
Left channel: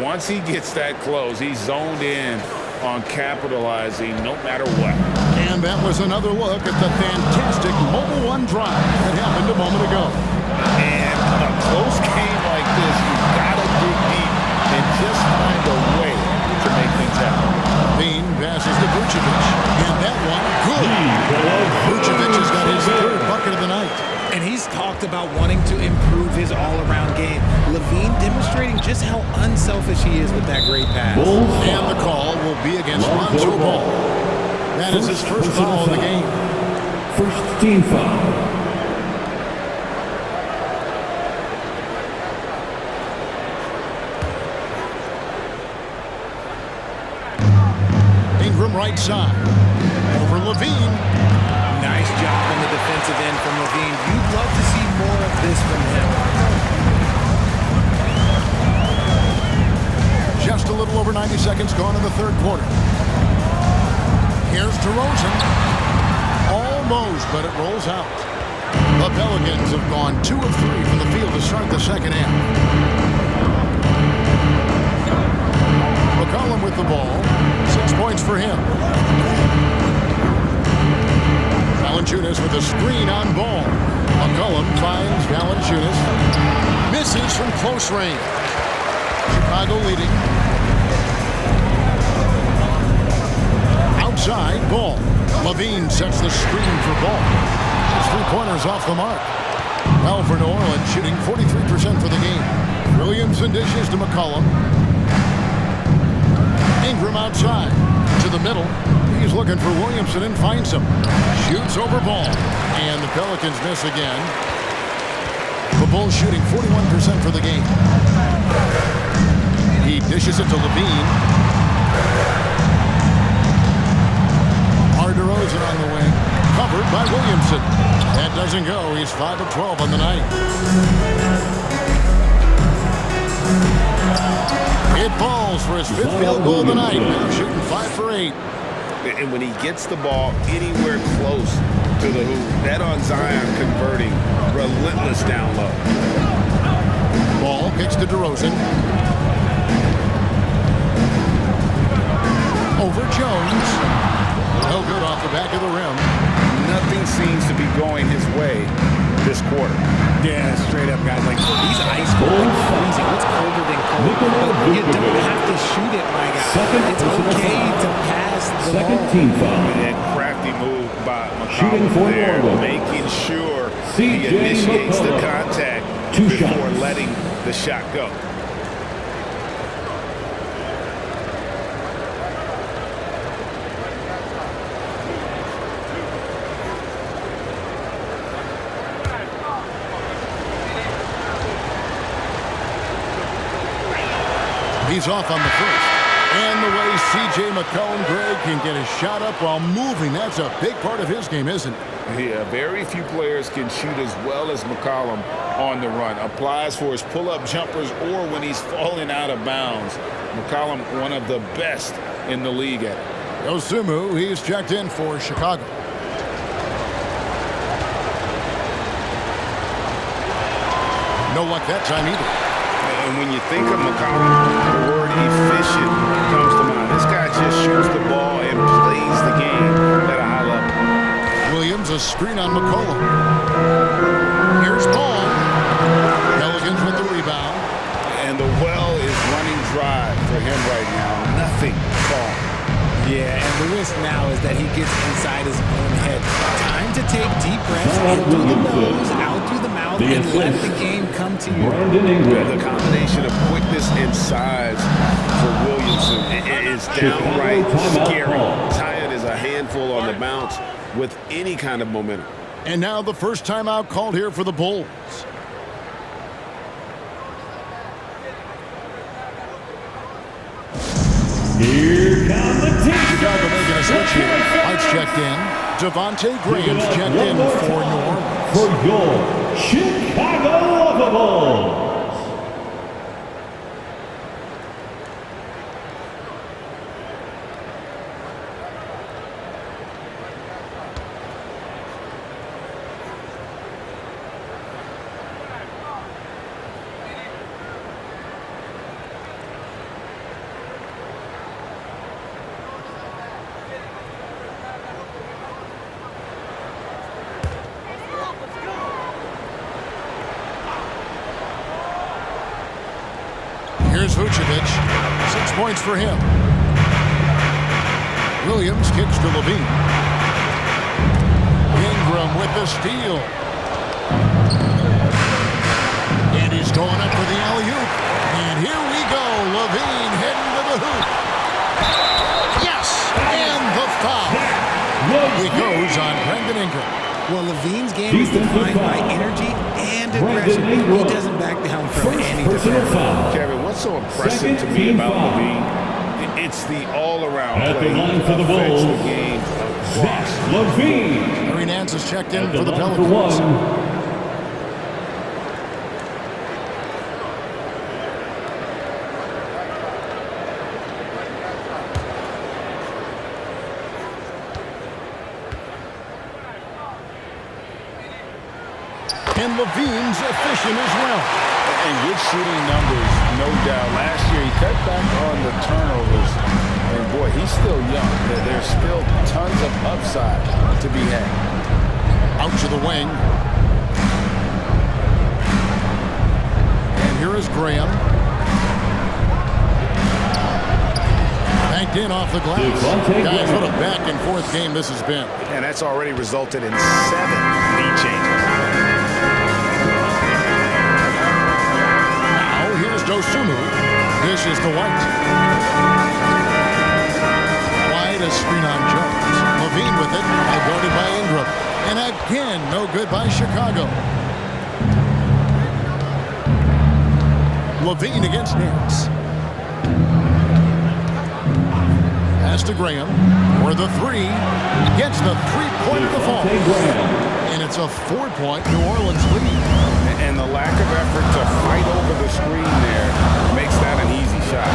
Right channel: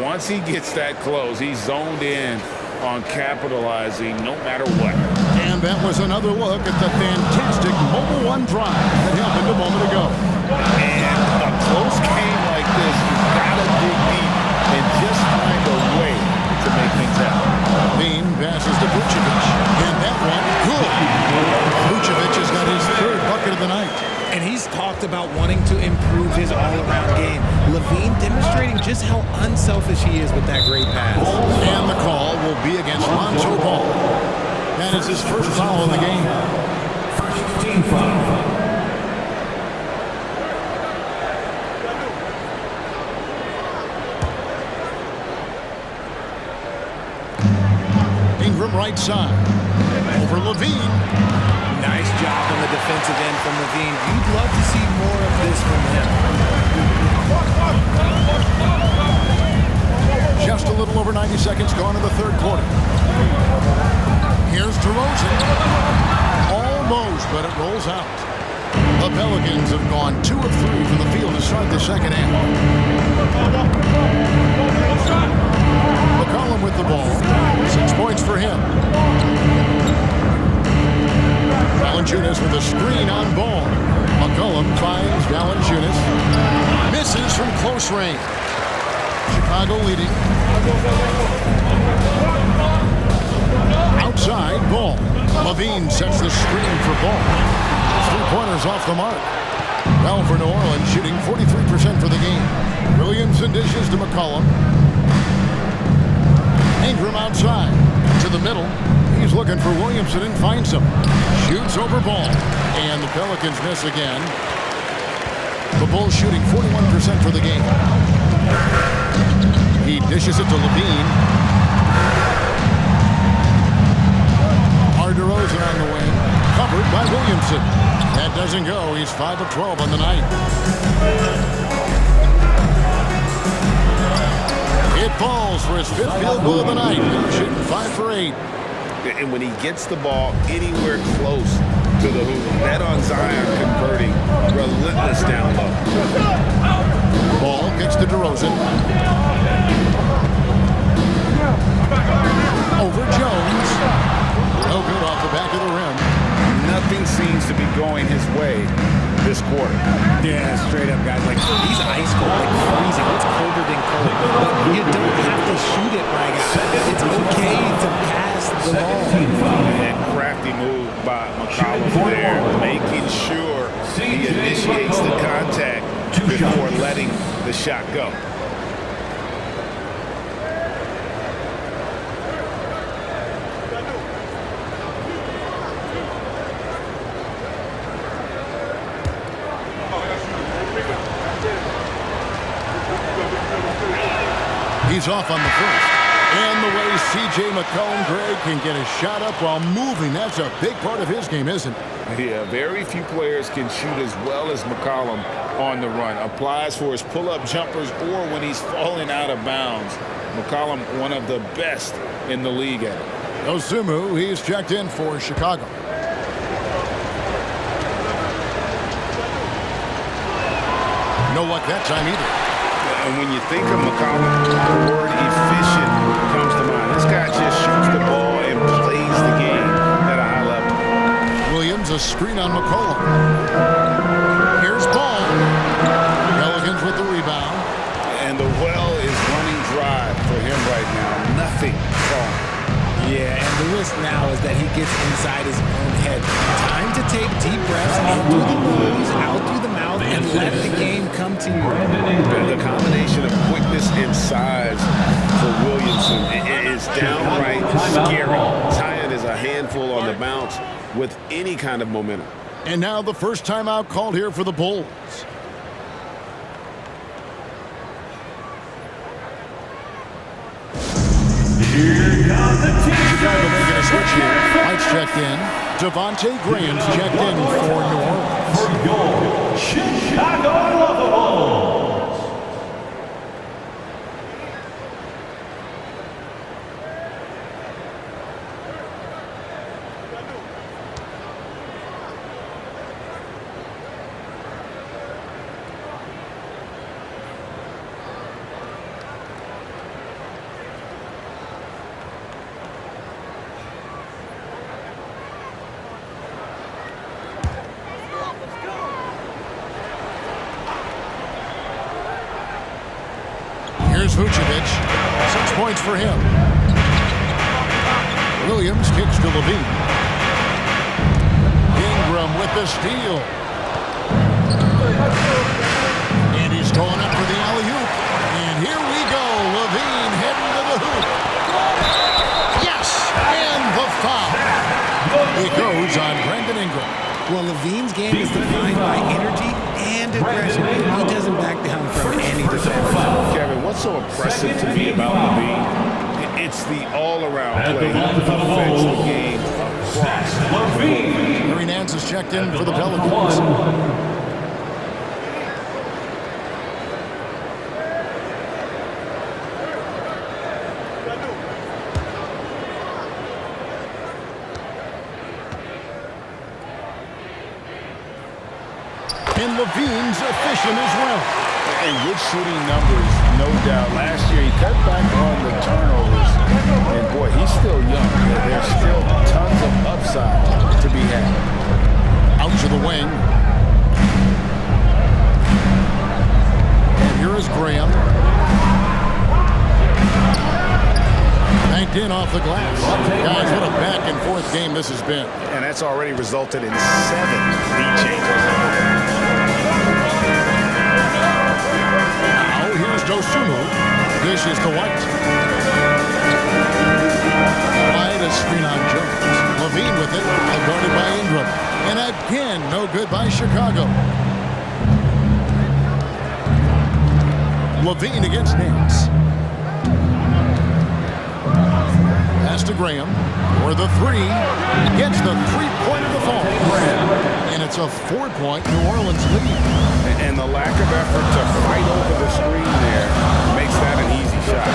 Once he gets that close, he's zoned in on capitalizing no matter what. And that was another look at the fantastic Mobile One drive that happened a moment ago. And a close game like this, you've got to dig deep and just find a way to make things happen. Levine passes to Vucevic. And that one, good. Vucevic has got his 3rd bucket of the night. And he's talked about wanting to improve his all-around game. Levine demonstrating just how unselfish he is with that great pass. And the call will be against Lonzo Ball. That is his first foul of the game. First team foul. Ingram right side. Over Levine. Nice job on the defensive end from Levine. You'd love to see more of this from him. Just a little over 90 seconds gone in the 3rd quarter. Here's DeRozan. Almost, but it rolls out. The Pelicans have gone 2 of 3 from the field to start the 2nd half. McCollum with the ball. 6 points for him. Valanciunas with a screen on Ball. McCollum finds Valanciunas. Misses from close range. Chicago leading. Outside, Ball. Levine sets the screen for Ball. 3-pointers off the mark. Well, for New Orleans, shooting 43% for the game. Williamson dishes to McCollum. Ingram outside. To the middle. He's looking for Williamson and finds him. Shoots over Ball. And the Pelicans miss again. The Bulls shooting 41% for the game. He dishes it to Levine. DeRozan on the wing. Covered by Williamson. That doesn't go. He's 5 of 12 on the night. It falls for his 5th field goal of the night. Now shooting 5 for 8. And when he gets the ball anywhere close to the hoop, that on Zion converting, relentless down low. Ball kicks to DeRozan. Over Jones. No good off the back of the rim. Nothing seems to be going his way this quarter. Yeah, straight up, guys. Like, he's ice cold, like freezing. What's colder than cold? But you don't have to shoot it, my guy. It's okay to pass the ball. And crafty move by McCollum there, making sure he initiates the contact before letting the shot go. He's off on the first. And the way C.J. McCollum, Greg, can get a shot up while moving, that's a big part of his game, isn't it? Yeah, very few players can shoot as well as McCollum on the run. Applies for his pull-up jumpers or when he's falling out of bounds. McCollum, one of the best in the league at it. Dosunmu, he's checked in for Chicago. No luck that time either. And when you think of McCollum, the word efficient comes to mind. This guy just shoots the ball and plays the game at a high level. Williams, a screen on McCollum. Here's Ball. Pelicans with the rebound. And the well is running dry for him right now. Nothing falling. Yeah, and the risk now is that he gets inside his own head. Time to take deep breaths in through the nose, out through the mouth, and let the game come to you. The combination of quickness and size for Williamson is downright scary. Zion is a handful on the bounce with any kind of momentum. And now the first timeout called here for the Bulls. Here comes the team. Chicago making a switch here. White's checked in. Devontae Graham's checked in for New Orleans. For your Chicago Lovables. Here's Vucevic. 6 points for him. Williams kicks to Levine. Ingram with the steal. And he's going up for the alley-oop. And here we go. Levine heading to the hoop. Yes! And the foul. It goes on Brandon Ingram. Well, Levine's game is defined by energy and aggression. He doesn't back down from any defender. Kevin, what's so impressive to me about Levine? It's the all-around At play. the He line for the affects the Bulls, game across. Levine. Larry Nance is checked in At for the line for Pelicans. one. And Levine's efficient as well. And good shooting numbers, no doubt. Last year, he cut back on the turnovers. And, boy, he's still young. There's still tons of upside to be had. Out to the wing. And here is Graham. Banked in off the glass. Guys, what a back-and-forth game this has been. And that's already resulted in 7 lead changes. Here's Dosumu. Dishes to White. White a screen on Jones. Levine with it. Guarded by Ingram. And again, no good by Chicago. Levine against Nance. Pass to Graham. For the three. Gets the three-point of the fall. And it's a 4-point New Orleans lead. And the lack of effort to fight over the screen there makes that an easy shot.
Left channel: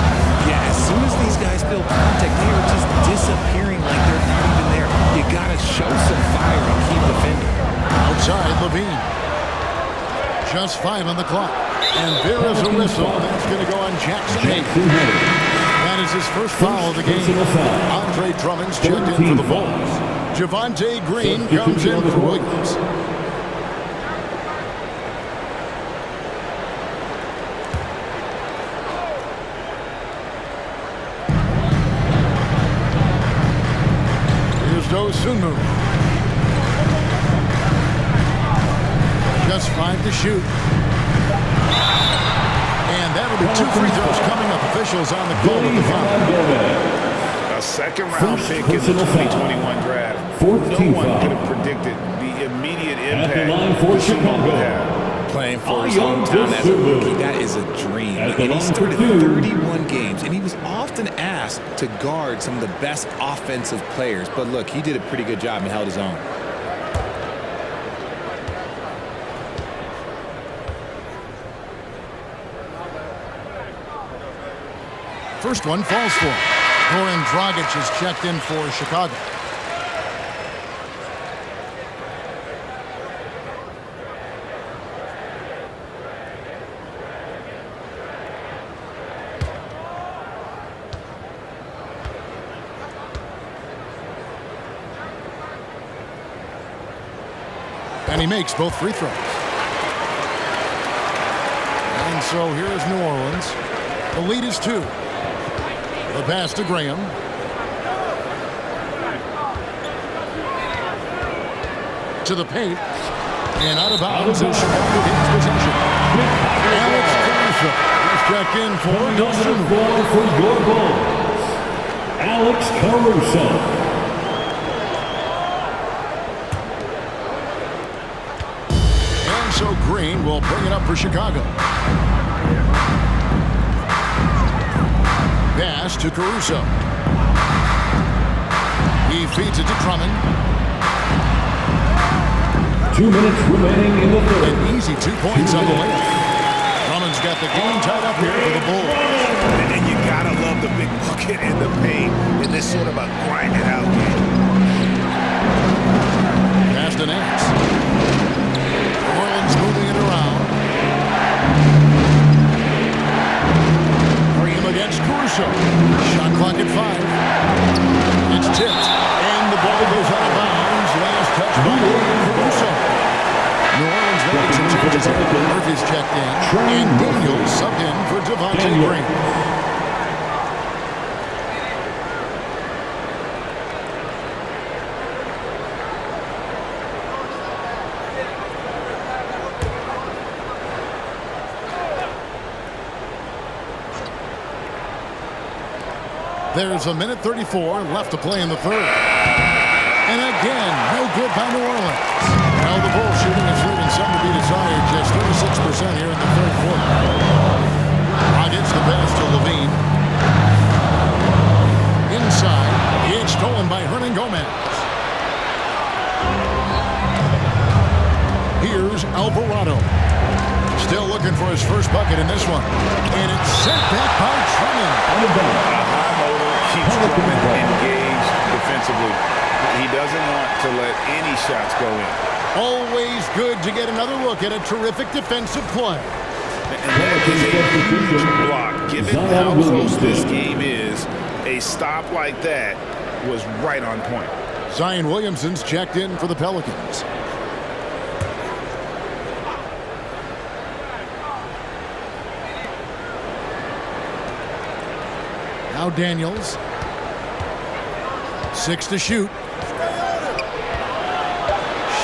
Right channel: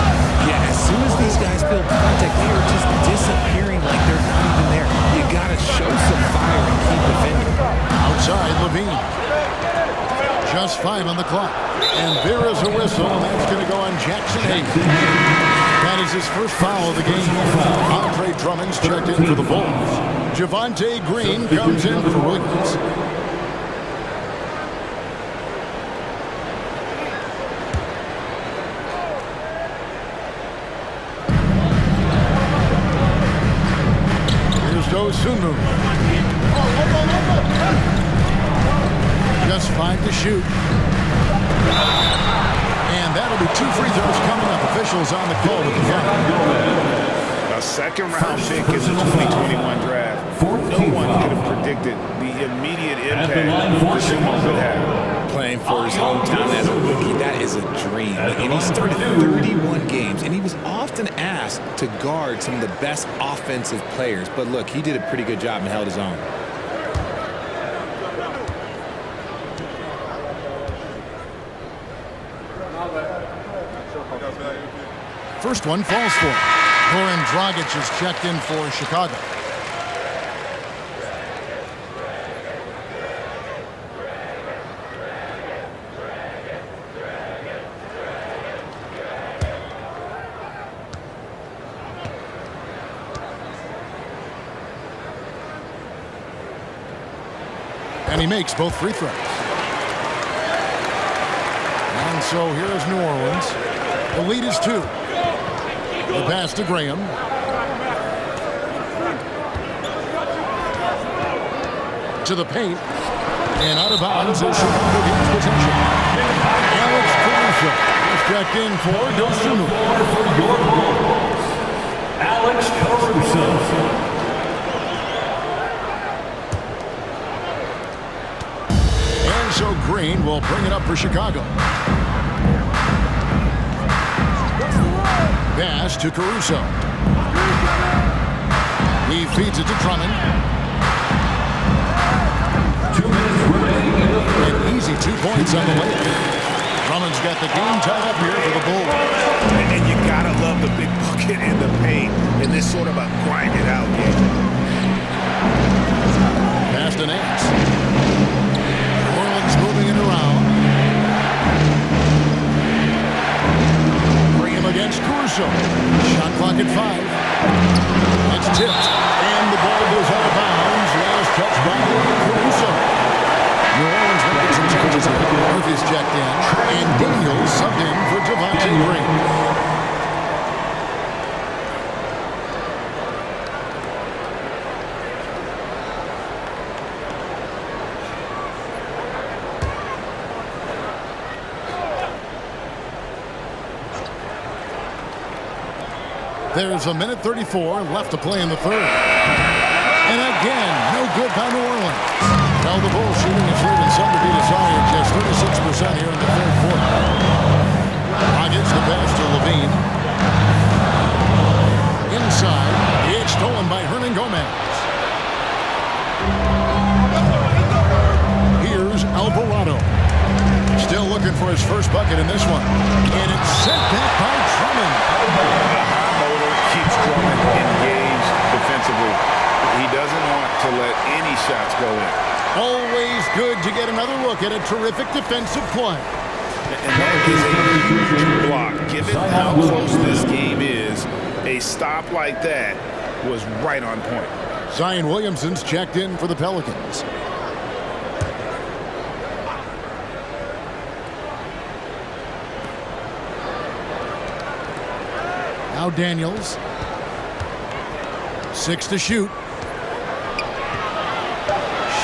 Yeah, as soon as these guys feel contact, they are just disappearing like they're not even there. You got to show some fire and keep defending. Outside, Levine. Just 5 on the clock. And there is a whistle, and that's going to go on Jackson Hayes. That is his first foul of the game. Andre Drummond's checked in for the Bulls. Javonte Green comes in for Williams. Here's Dosumu. Just 5 to shoot. And that'll be 2 free throws coming up. Officials on the call with the foul. A second-round pick in the 2021 draft. No one could have predicted the immediate impact Dosumu would have. Playing for his hometown as a rookie, that is a dream. And he started 31 games, and he was often asked to guard some of the best offensive players. But look, he did a pretty good job and held his own. First one falls for him. Goran Dragic is checked in for Chicago. And he makes both free throws. And so here is New Orleans. The lead is 2. The pass to Graham. To the paint. And out of bounds as Chicago gains possession. Alex Caruso is checked in for Dosumu. For your Bulls, Alex Caruso. And so Green will bring it up for Chicago. Pass to Caruso. He feeds it to Drummond. 2 minutes remaining in the third. An easy 2 points on the layup. Drummond's got the game tied up here for the Bulls. And you gotta love the big bucket and the paint in this sort of a grind it out game. Pass to Nance. New Orleans moving it around. Bring him against Caruso. Shot clock at 5. It's tipped, and the ball goes out of bounds. Last touch by Caruso. New Orleans making some changes here. Murphy's checked in, and Daniels subbed in for Devontae Green. There's 1:34 left to play in the third. And again, no good by New Orleans. Now the Bulls shooting is leaving some to be desired, just 36% here in the third quarter. Rockets the pass to Levine. Inside, it's stolen by Hernan Gomez. Here's Alvarado. Still looking for his first bucket in this one. And it's sent back by Drummond. A high motor keeps Drummond engaged defensively. He doesn't want to let any shots go in. Always good to get another look at a terrific defensive play. And that is a huge block. Given how close this game is, a stop like that was right on point. Zion Williamson's checked in for the Pelicans. Now Daniels. 6 to shoot.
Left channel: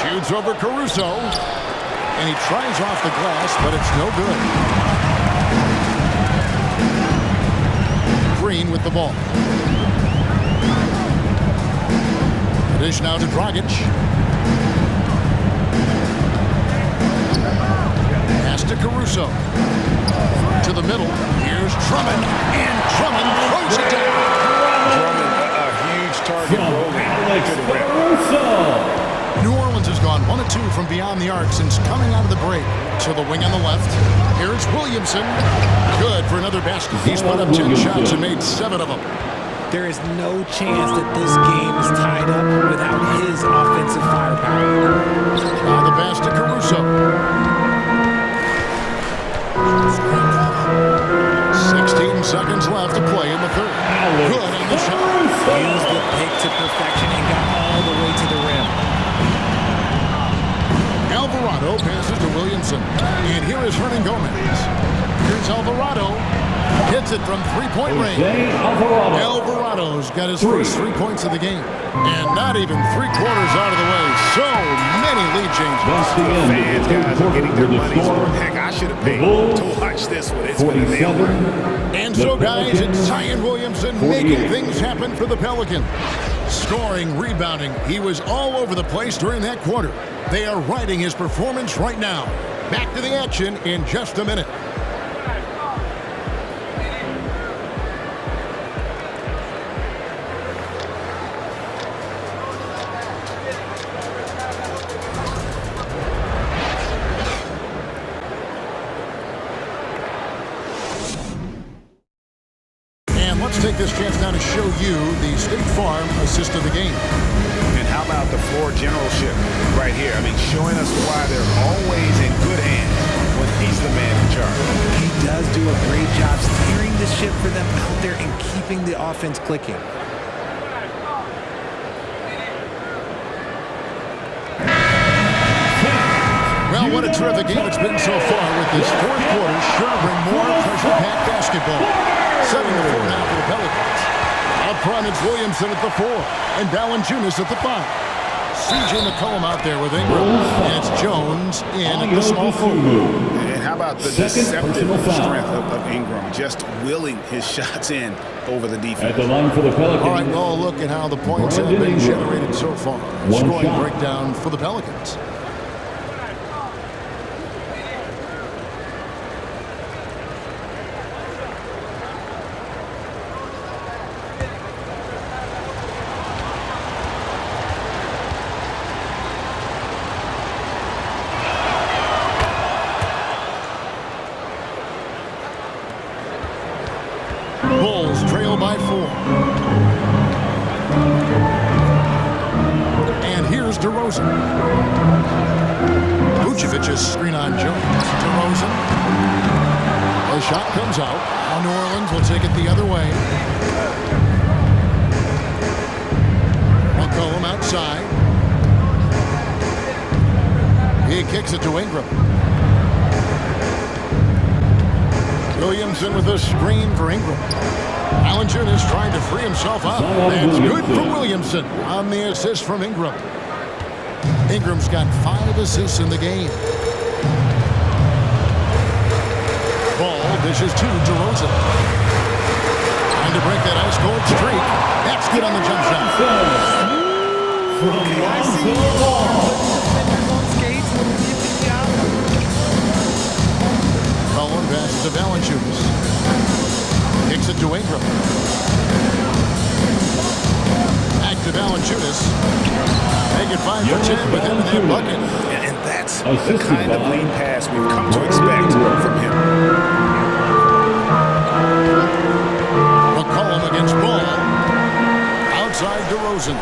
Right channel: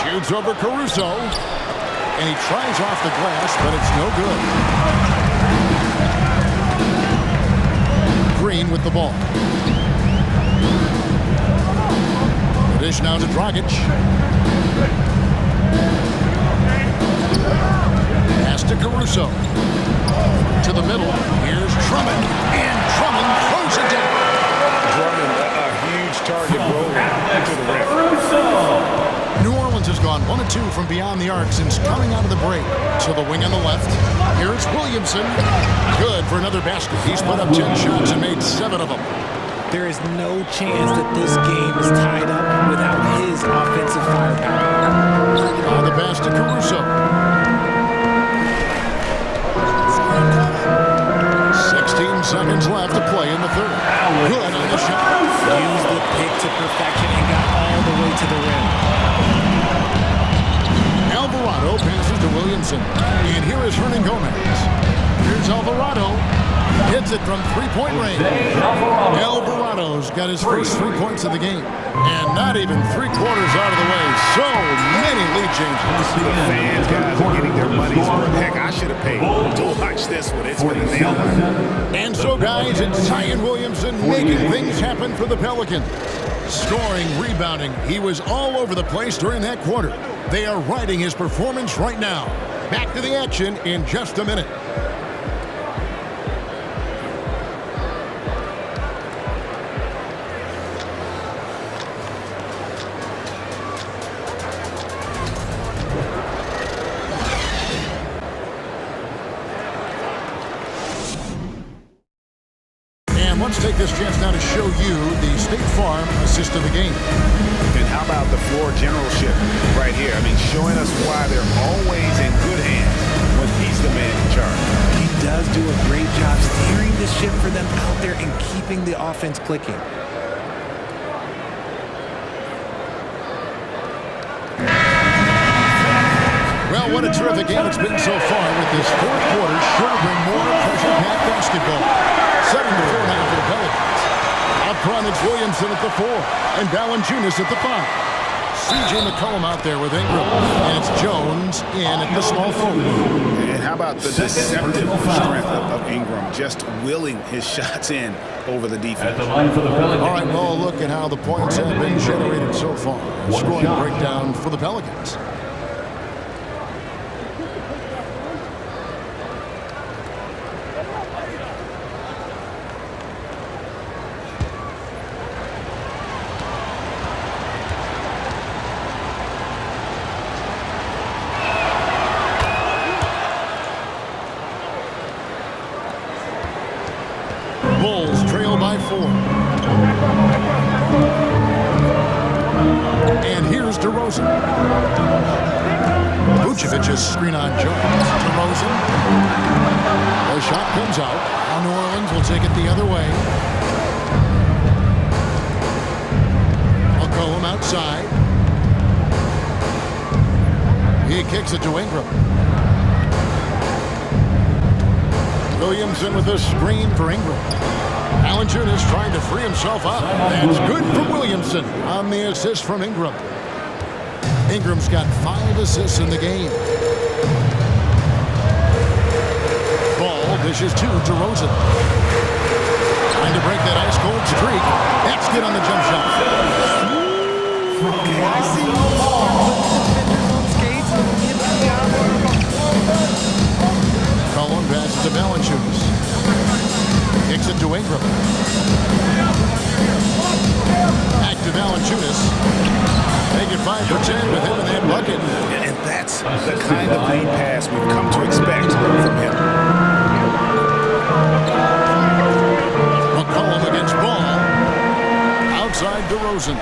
Shoots over Caruso. And he tries off the glass, but it's no good. Green with the ball. The dish now to Dragic. Pass to Caruso. To the middle. Here's Drummond. And Drummond throws it down. Drummond, a huge target rolling to the rim. New Orleans has gone 1 of 2 from beyond the arc since coming out of the break. To the wing on the left. Here's Williamson. Good for another basket. He's put up 10 shots and made 7 of them. There is no chance that this game is tied up without his offensive firepower. Now the pass to Caruso. 16 seconds left to play in the third. Good on the shot. Used the pick to perfection and got all the way to the rim. Alvarado passes to Williamson. And here is Hernan Gomez. Here's Alvarado. Hits it from three-point range. Alvarado's got his first 3 points of the game. And not even 3/4 out of the way. So many lead changes. The fans, guys, are getting their money's worth. Heck, I should have paid to watch this one. It's been a nail biter. And so, guys, it's Zion Williamson making things happen for the Pelicans. Scoring, rebounding. He was all over the place during that quarter. They are riding his performance right now. Back to the action in just a minute. Let's take this chance now to show you the State Farm assist of the game. And how about the floor generalship right here? I mean, showing us why they're always in good hands when he's the man in charge. He does do a great job steering the ship for them out there and keeping the offense clicking. Well, what a terrific game it's been so far, with this fourth quarter sure to bring more pressure-packed basketball. Setting the floor now for the Pelicans. Up front, it's Williamson at the 4 and Valanciunas at the 5. C.J. McCollum out there with Ingram, and it's Jones in at the small forward. And how about the deceptive strength of Ingram, just willing his shots in over the defense. At the line for the Pelicans. All right, well, look at how the points have been generated so far. Scoring breakdown for the Pelicans. trail by 4. And here's DeRozan. Vucevic's screen on Jones. DeRozan. The shot comes out. Now New Orleans will take it the other way. McCollum outside. He kicks it to Ingram. Williamson with a screen for Ingram. Valanciunas trying to free himself up. That's good from Williamson on the assist from Ingram. Ingram's got 5 assists in the game. Ball dishes to DeRozan. Trying to break that ice-cold streak. That's good on the jump shot. Okay, I see you putting defenders on skates, little yippity Cullen passes to Valanciunas. Kicks it to Ingram. Back to Valanciunas. Make it 5 for 10 with him in that bucket. And that's the kind of lead pass we've come to expect from him. McCollum against Ball. Outside DeRozan.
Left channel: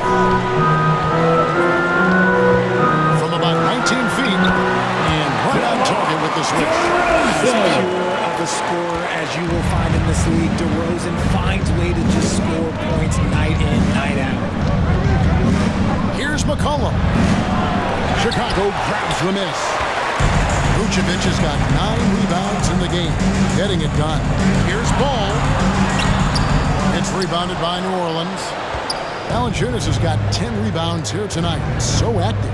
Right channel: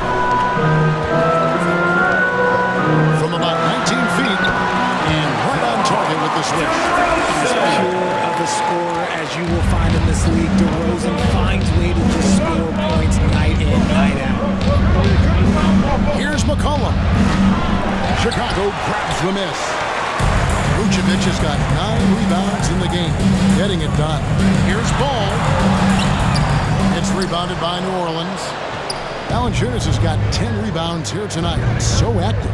From about 19 feet. And right on target with the switch. As pure of a scorer as you will find in this league, DeRozan finds way to just score points night in, night out. Here's McCollum. Chicago grabs the miss. Vucevic has got 9 rebounds in the game, getting it done. Here's Ball. It's rebounded by New Orleans. Valanciunas has got 10 rebounds here tonight. So active.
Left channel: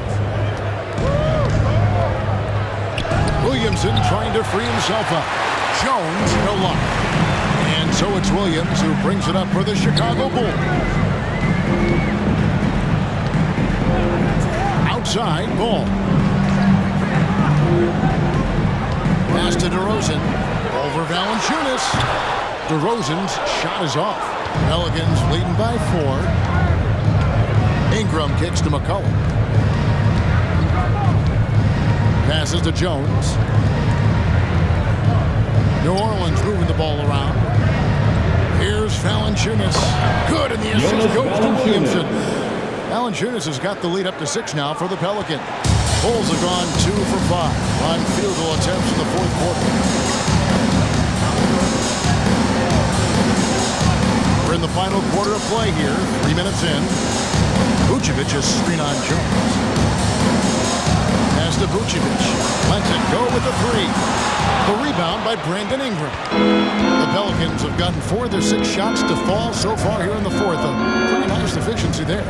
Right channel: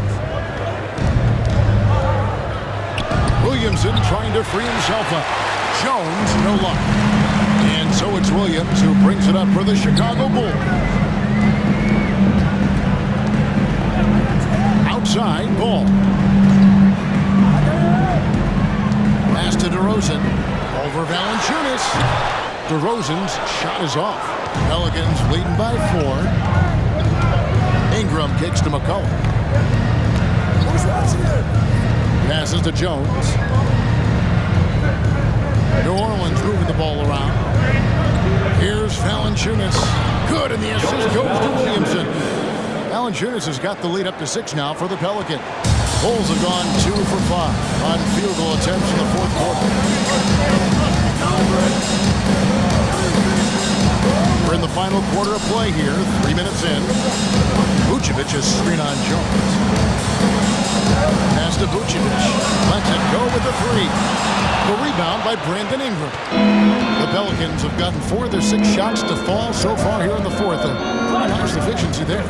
Williamson trying to free himself up. Jones, no luck. And so it's Williams who brings it up for the Chicago Bulls. Outside, Ball. Pass to DeRozan. Over Valanciunas. DeRozan's shot is off. Pelicans leading by 4. Ingram kicks to McCollum. Passes to Jones. New Orleans moving the ball around. Here's Valanciunas. Good, and the assist goes to Williamson. Valanciunas has got the lead up to 6 now for the Pelicans. Bulls have gone 2 for 5 on field goal attempts in the 4th quarter. We're in the final quarter of play here, 3 minutes in. Vucevic's screen on Jones. Pass to Vucevic. Lets it go with a 3. The rebound by Brandon Ingram. The Pelicans have gotten 4 of their 6 shots to fall so far here in the 4th. A pretty nice efficiency there.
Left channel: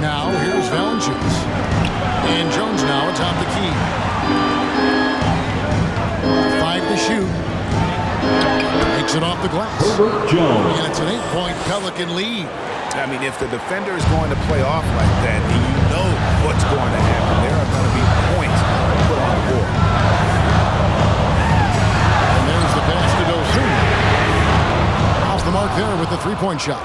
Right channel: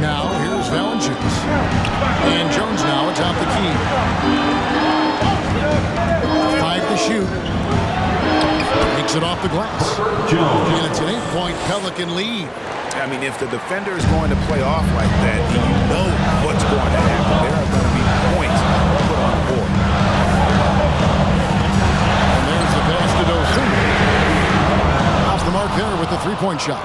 Now here's Valanciunas. And Jones now atop the key. 5 to shoot. Makes it off the glass. And it's an 8-point Pelican lead. I mean, if the defender is going to play off like that, and you know what's going to happen, there are going to be points put on the board. And there's the pass to Dosunmu. Off the mark there with the 3-point shot.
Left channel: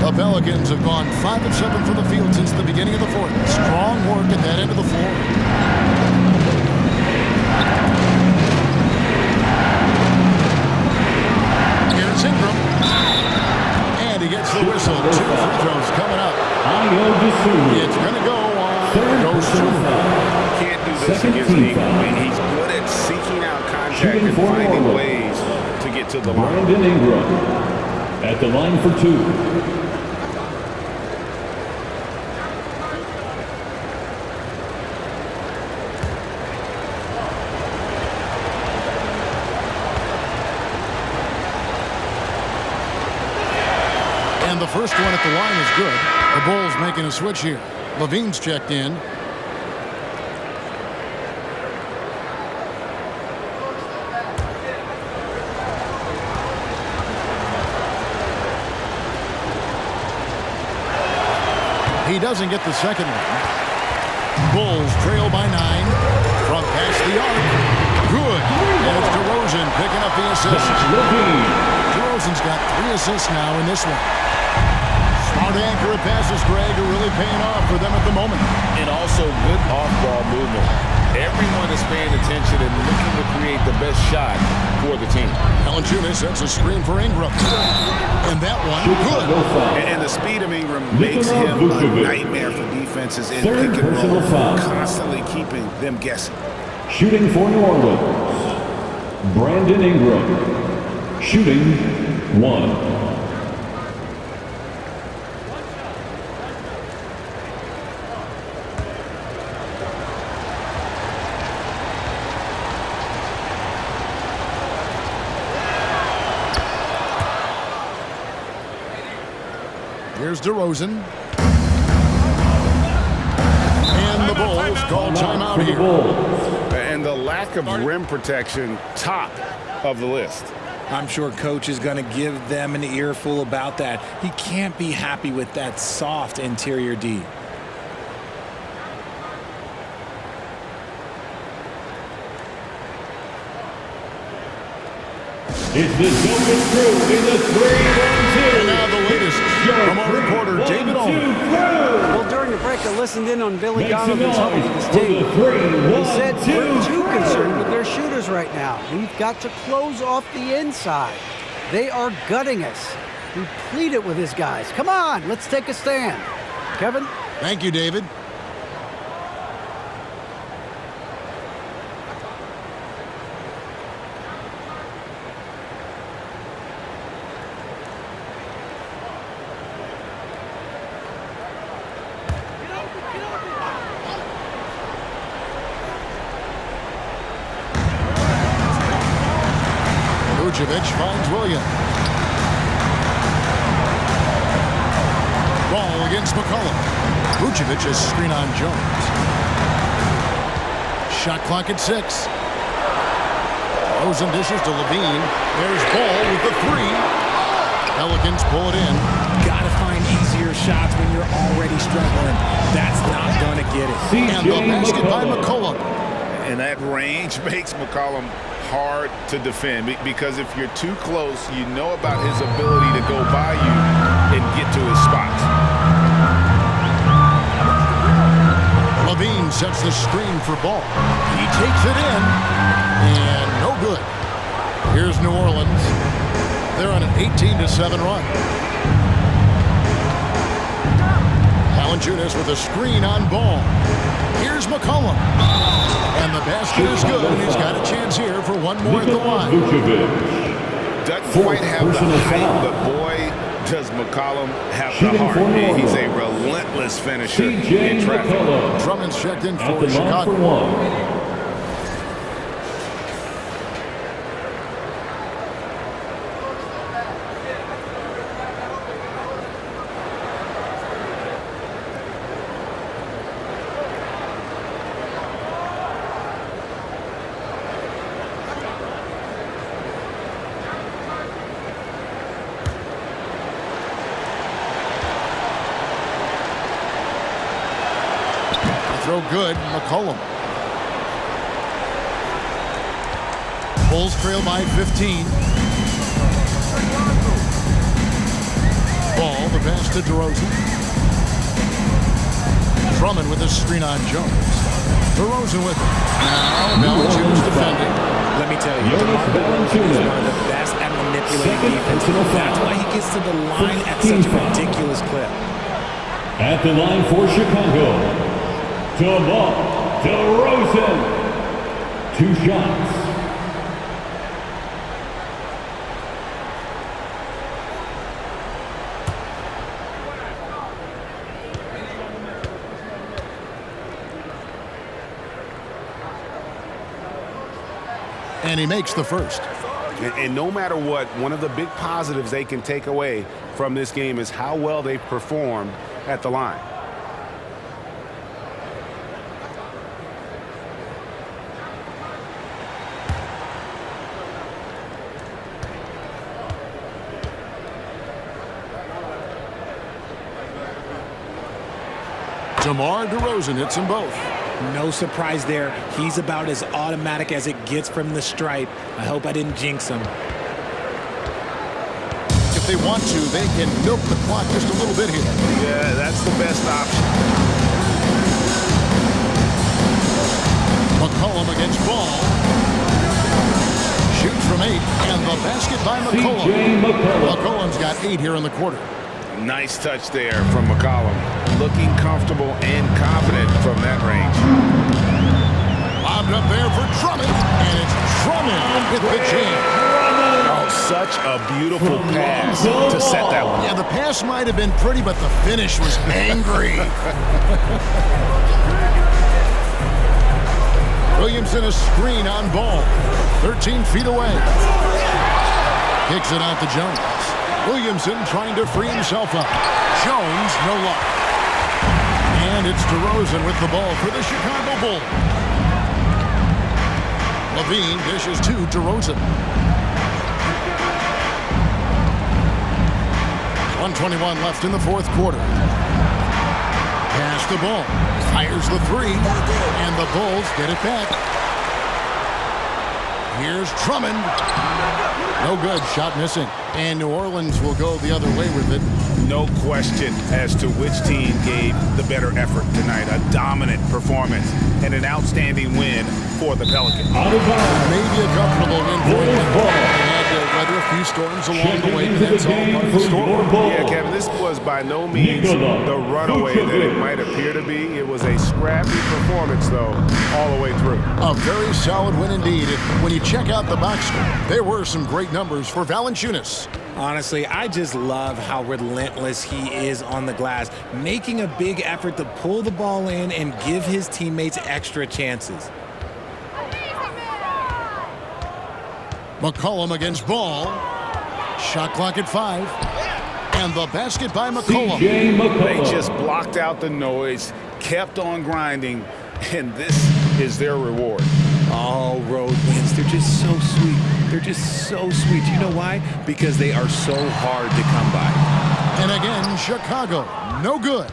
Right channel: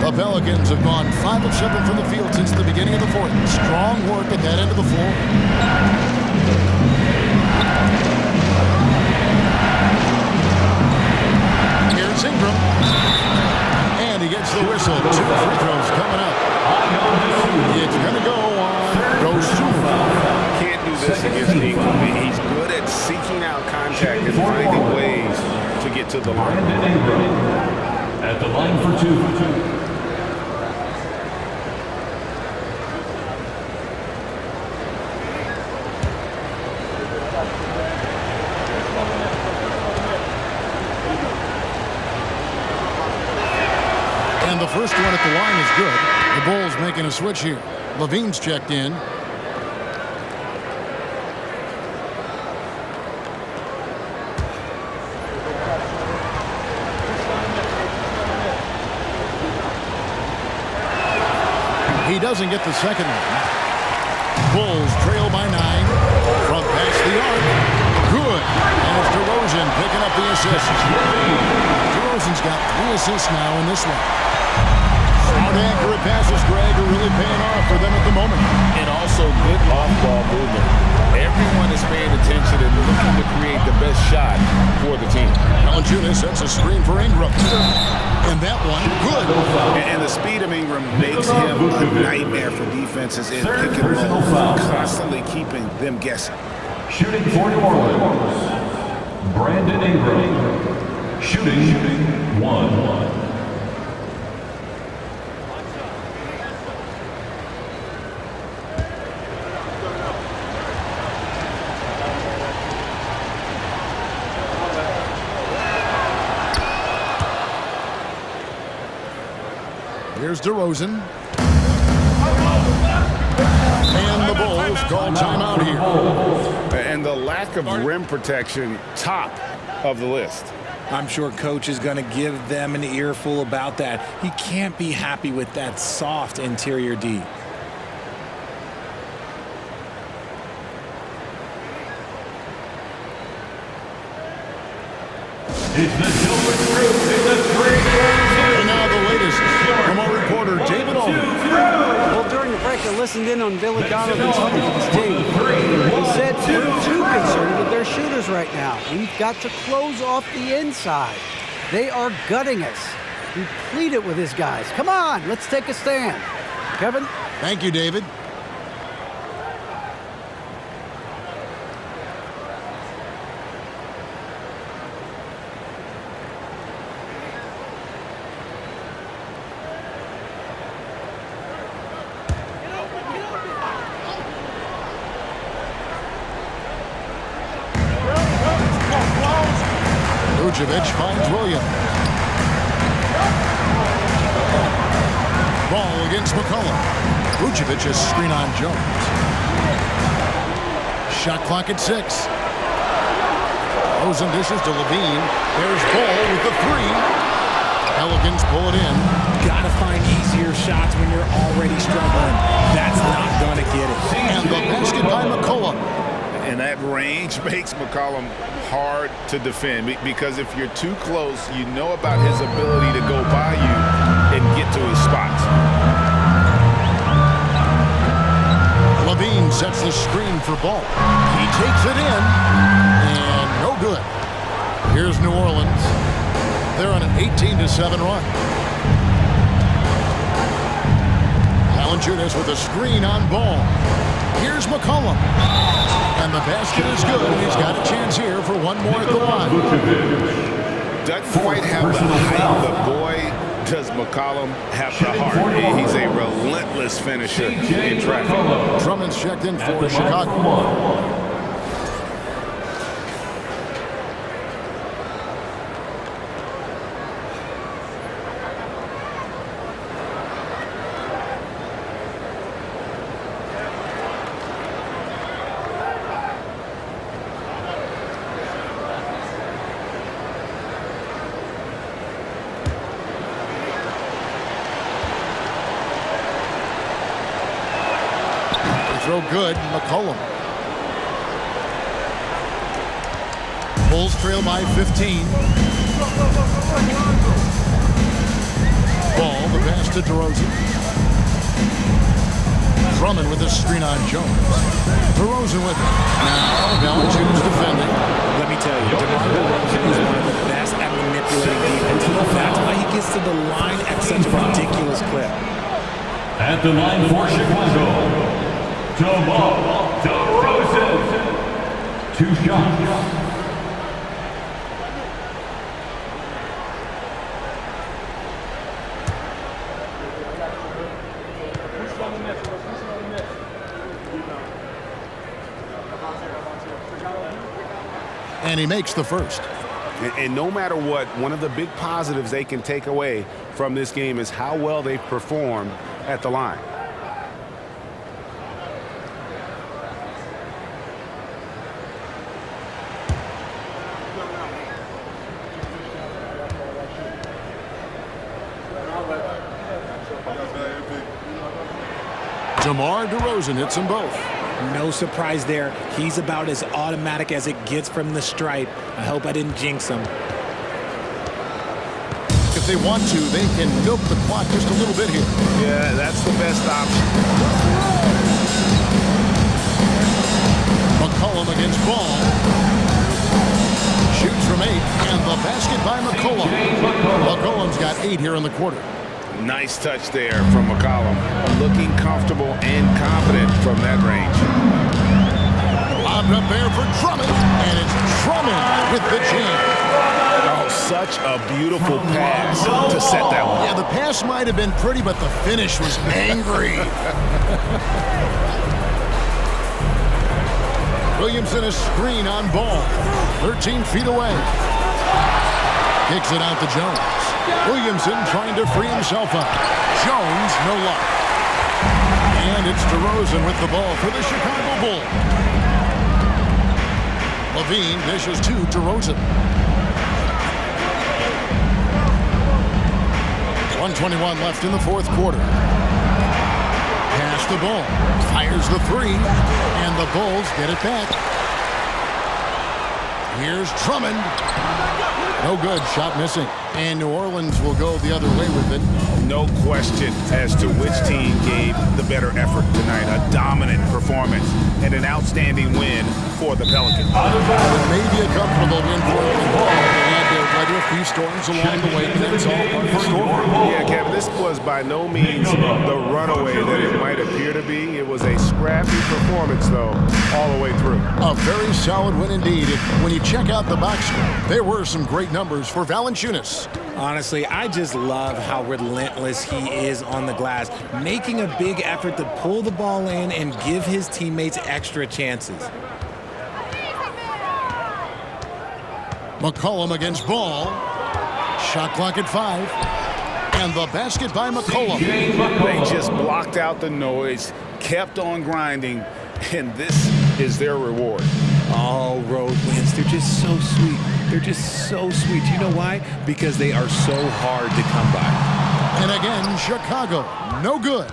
The Pelicans have gone 5 of 7 from the field since the beginning of the 4th. Strong work at that end of the floor. Here's Ingram. And he gets the whistle. 2 free throws coming up. It's going to go on Dosunmu. Can't do this against Ingram. He's good at seeking out contact and finding ways to get to the line. Brandon Ingram at the line for 2. And the first one at the line is good. The Bulls making a switch here. Levine's checked in. He doesn't get the second one. Bulls trail by 9 from past the arc. Good. And it's DeRozan picking up the assist. DeRozan's got 3 assists now in this one. Smart accurate passes, Greg, are really paying off for them at the moment. And also good off-ball movement. Everyone is paying attention and looking to create the best shot for the team. Valanciunas sets a screen for Ingram. And that one, good. And the speed of Ingram makes him a nightmare for defenses in pick and roll, constantly keeping them guessing. Shooting for New Orleans, Brandon Ingram. Shooting 1. Here's DeRozan. And the Bulls call timeout here. And the lack of rim protection, top of the list. I'm sure coach is going to give them an earful about that. He can't be happy with that soft interior D. It's the Silver Screw in the 3. And now the latest from our reporter, David Owen. Well, during the break, I listened in on Billy Donovan's huddle with his team. He said, we're too concerned with their shooters right now. We've got to close off the inside. They are gutting us. He pleaded with his guys. Come on, let's take a stand. Kevin? Thank you, David. Vucevic finds Williams. Ball against McCollum. Vucevic has screen on Jones. Shot clock at 6. Rosen dishes to Levine. There's Ball with the 3. Pelicans pull it in. Gotta find easier shots when you're already struggling. That's not gonna get it. And the basket by McCollum. And that range makes McCollum hard to defend, because if you're too close, you know about his ability to go by you and get to his spots. Levine sets the screen for Ball. He takes it in, and no good. Here's New Orleans. They're on an 18-7 run. Valanciunas with a screen on Ball. Here's McCollum. And the basket is good, and he's got a chance here for one more at the line. Doesn't quite have the height, but boy, does McCollum have the heart. He's a relentless finisher in traffic. Drummond's checked in for Chicago. Throw good, McCollum. Bulls trail by 15. Ball, the pass to DeRozan. Drummond with a screen on Jones. DeRozan with it. Now, Valanciunas defending. Let me tell you, DeMar DeRozan is one of the best at manipulating defense. That's why he gets to the line at such a ridiculous clip. At the line for Chicago, DeMar DeRozan. 2 shots. And he makes the first. And no matter what, one of the big positives they can take away from this game is how well they've performed at the line. DeMar DeRozan hits them both. No surprise there. He's about as automatic as it gets from the stripe. I hope I didn't jinx him. If they want to, they can milk the clock just a little bit here. Yeah, that's the best option. McCollum against Ball. Shoots from 8, and the basket by McCollum. McCollum's got 8 here in the quarter. Nice touch there from McCollum. Looking comfortable and confident from that range. Lobbed up there for Drummond, and it's Drummond with the jam. Oh, such a beautiful pass to set that one. Yeah, the pass might have been pretty, but the finish was angry. Williamson a screen on Ball. 13 feet away. Kicks it out to Jones. Williamson trying to free himself up. Jones, no luck. And it's DeRozan with the ball for the Chicago Bulls. Levine dishes to DeRozan. 1:21 left in the fourth quarter. Pass the ball. Fires the 3. And the Bulls get it back. Here's Drummond. No good. Shot missing. And New Orleans will go the other way with it. No question as to which team gave the better effort tonight. A dominant performance and an outstanding win for the Pelicans. It may be a comfortable win for them. They had to weather a few storms along the way, but that's all part of the story. Yeah, Kevin, this was by no means the runaway that it might appear to be. It was a scrappy performance, though, all the way through. A very solid win indeed. When you check out the box score, there were some great numbers for Valanciunas. Honestly, I just love how relentless he is on the glass, making a big effort to pull the ball in and give his teammates extra chances. McCollum against Ball. Shot clock at 5. And the basket by McCollum. They just blocked out the noise, kept on grinding, and this is their reward. All road wins. They're just so sweet. They're just so sweet. You know why? Because they are so hard to come by. And again, Chicago, no good.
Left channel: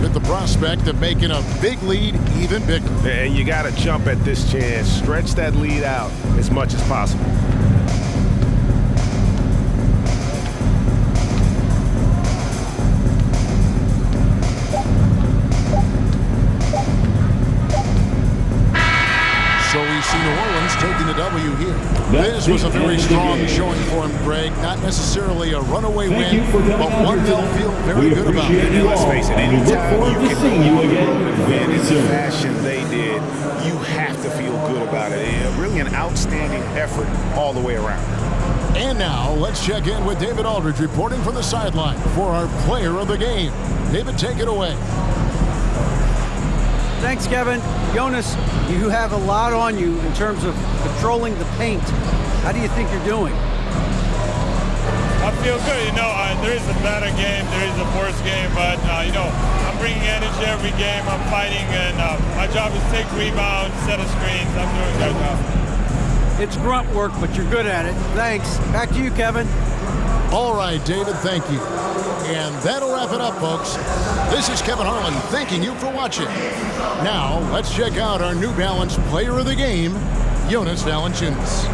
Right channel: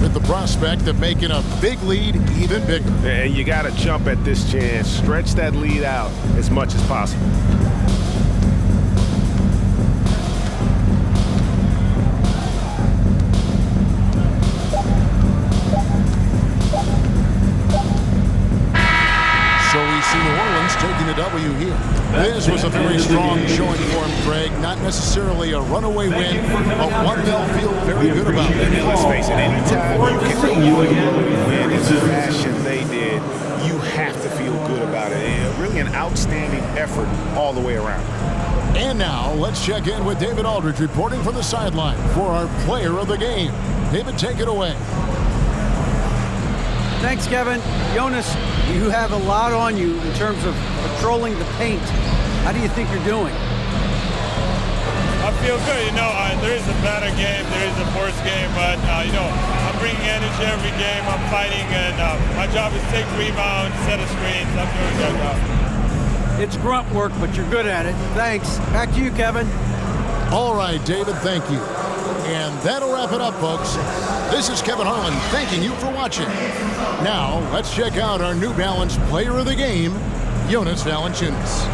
With the prospect of making a big lead even bigger. And you got to jump at this chance. Stretch that lead out as much as possible. So we see New Orleans taking the W here. This was a very strong showing for him, Greg. Not necessarily a runaway win, but one they'll feel very good about. And let's face it, anytime you can go on the road and win in the fashion they did, you have to feel good about it. Really an outstanding effort all the way around. And now let's check in with David Aldridge reporting from the sideline for our player of the game. David, take it away. Thanks, Kevin. Jonas, you have a lot on you in terms of patrolling the paint. How do you think you're doing? I feel good. There is a better game, there is a worse game, but, I'm bringing energy every game. I'm fighting, and my job is to take rebounds, set of screens. I'm doing a good job. It's grunt work, but you're good at it. Thanks. Back to you, Kevin. All right, David, thank you. And that'll wrap it up, folks. This is Kevin Harlan thanking you for watching. Now, let's check out our New Balance player of the game, Jonas Valanciunas.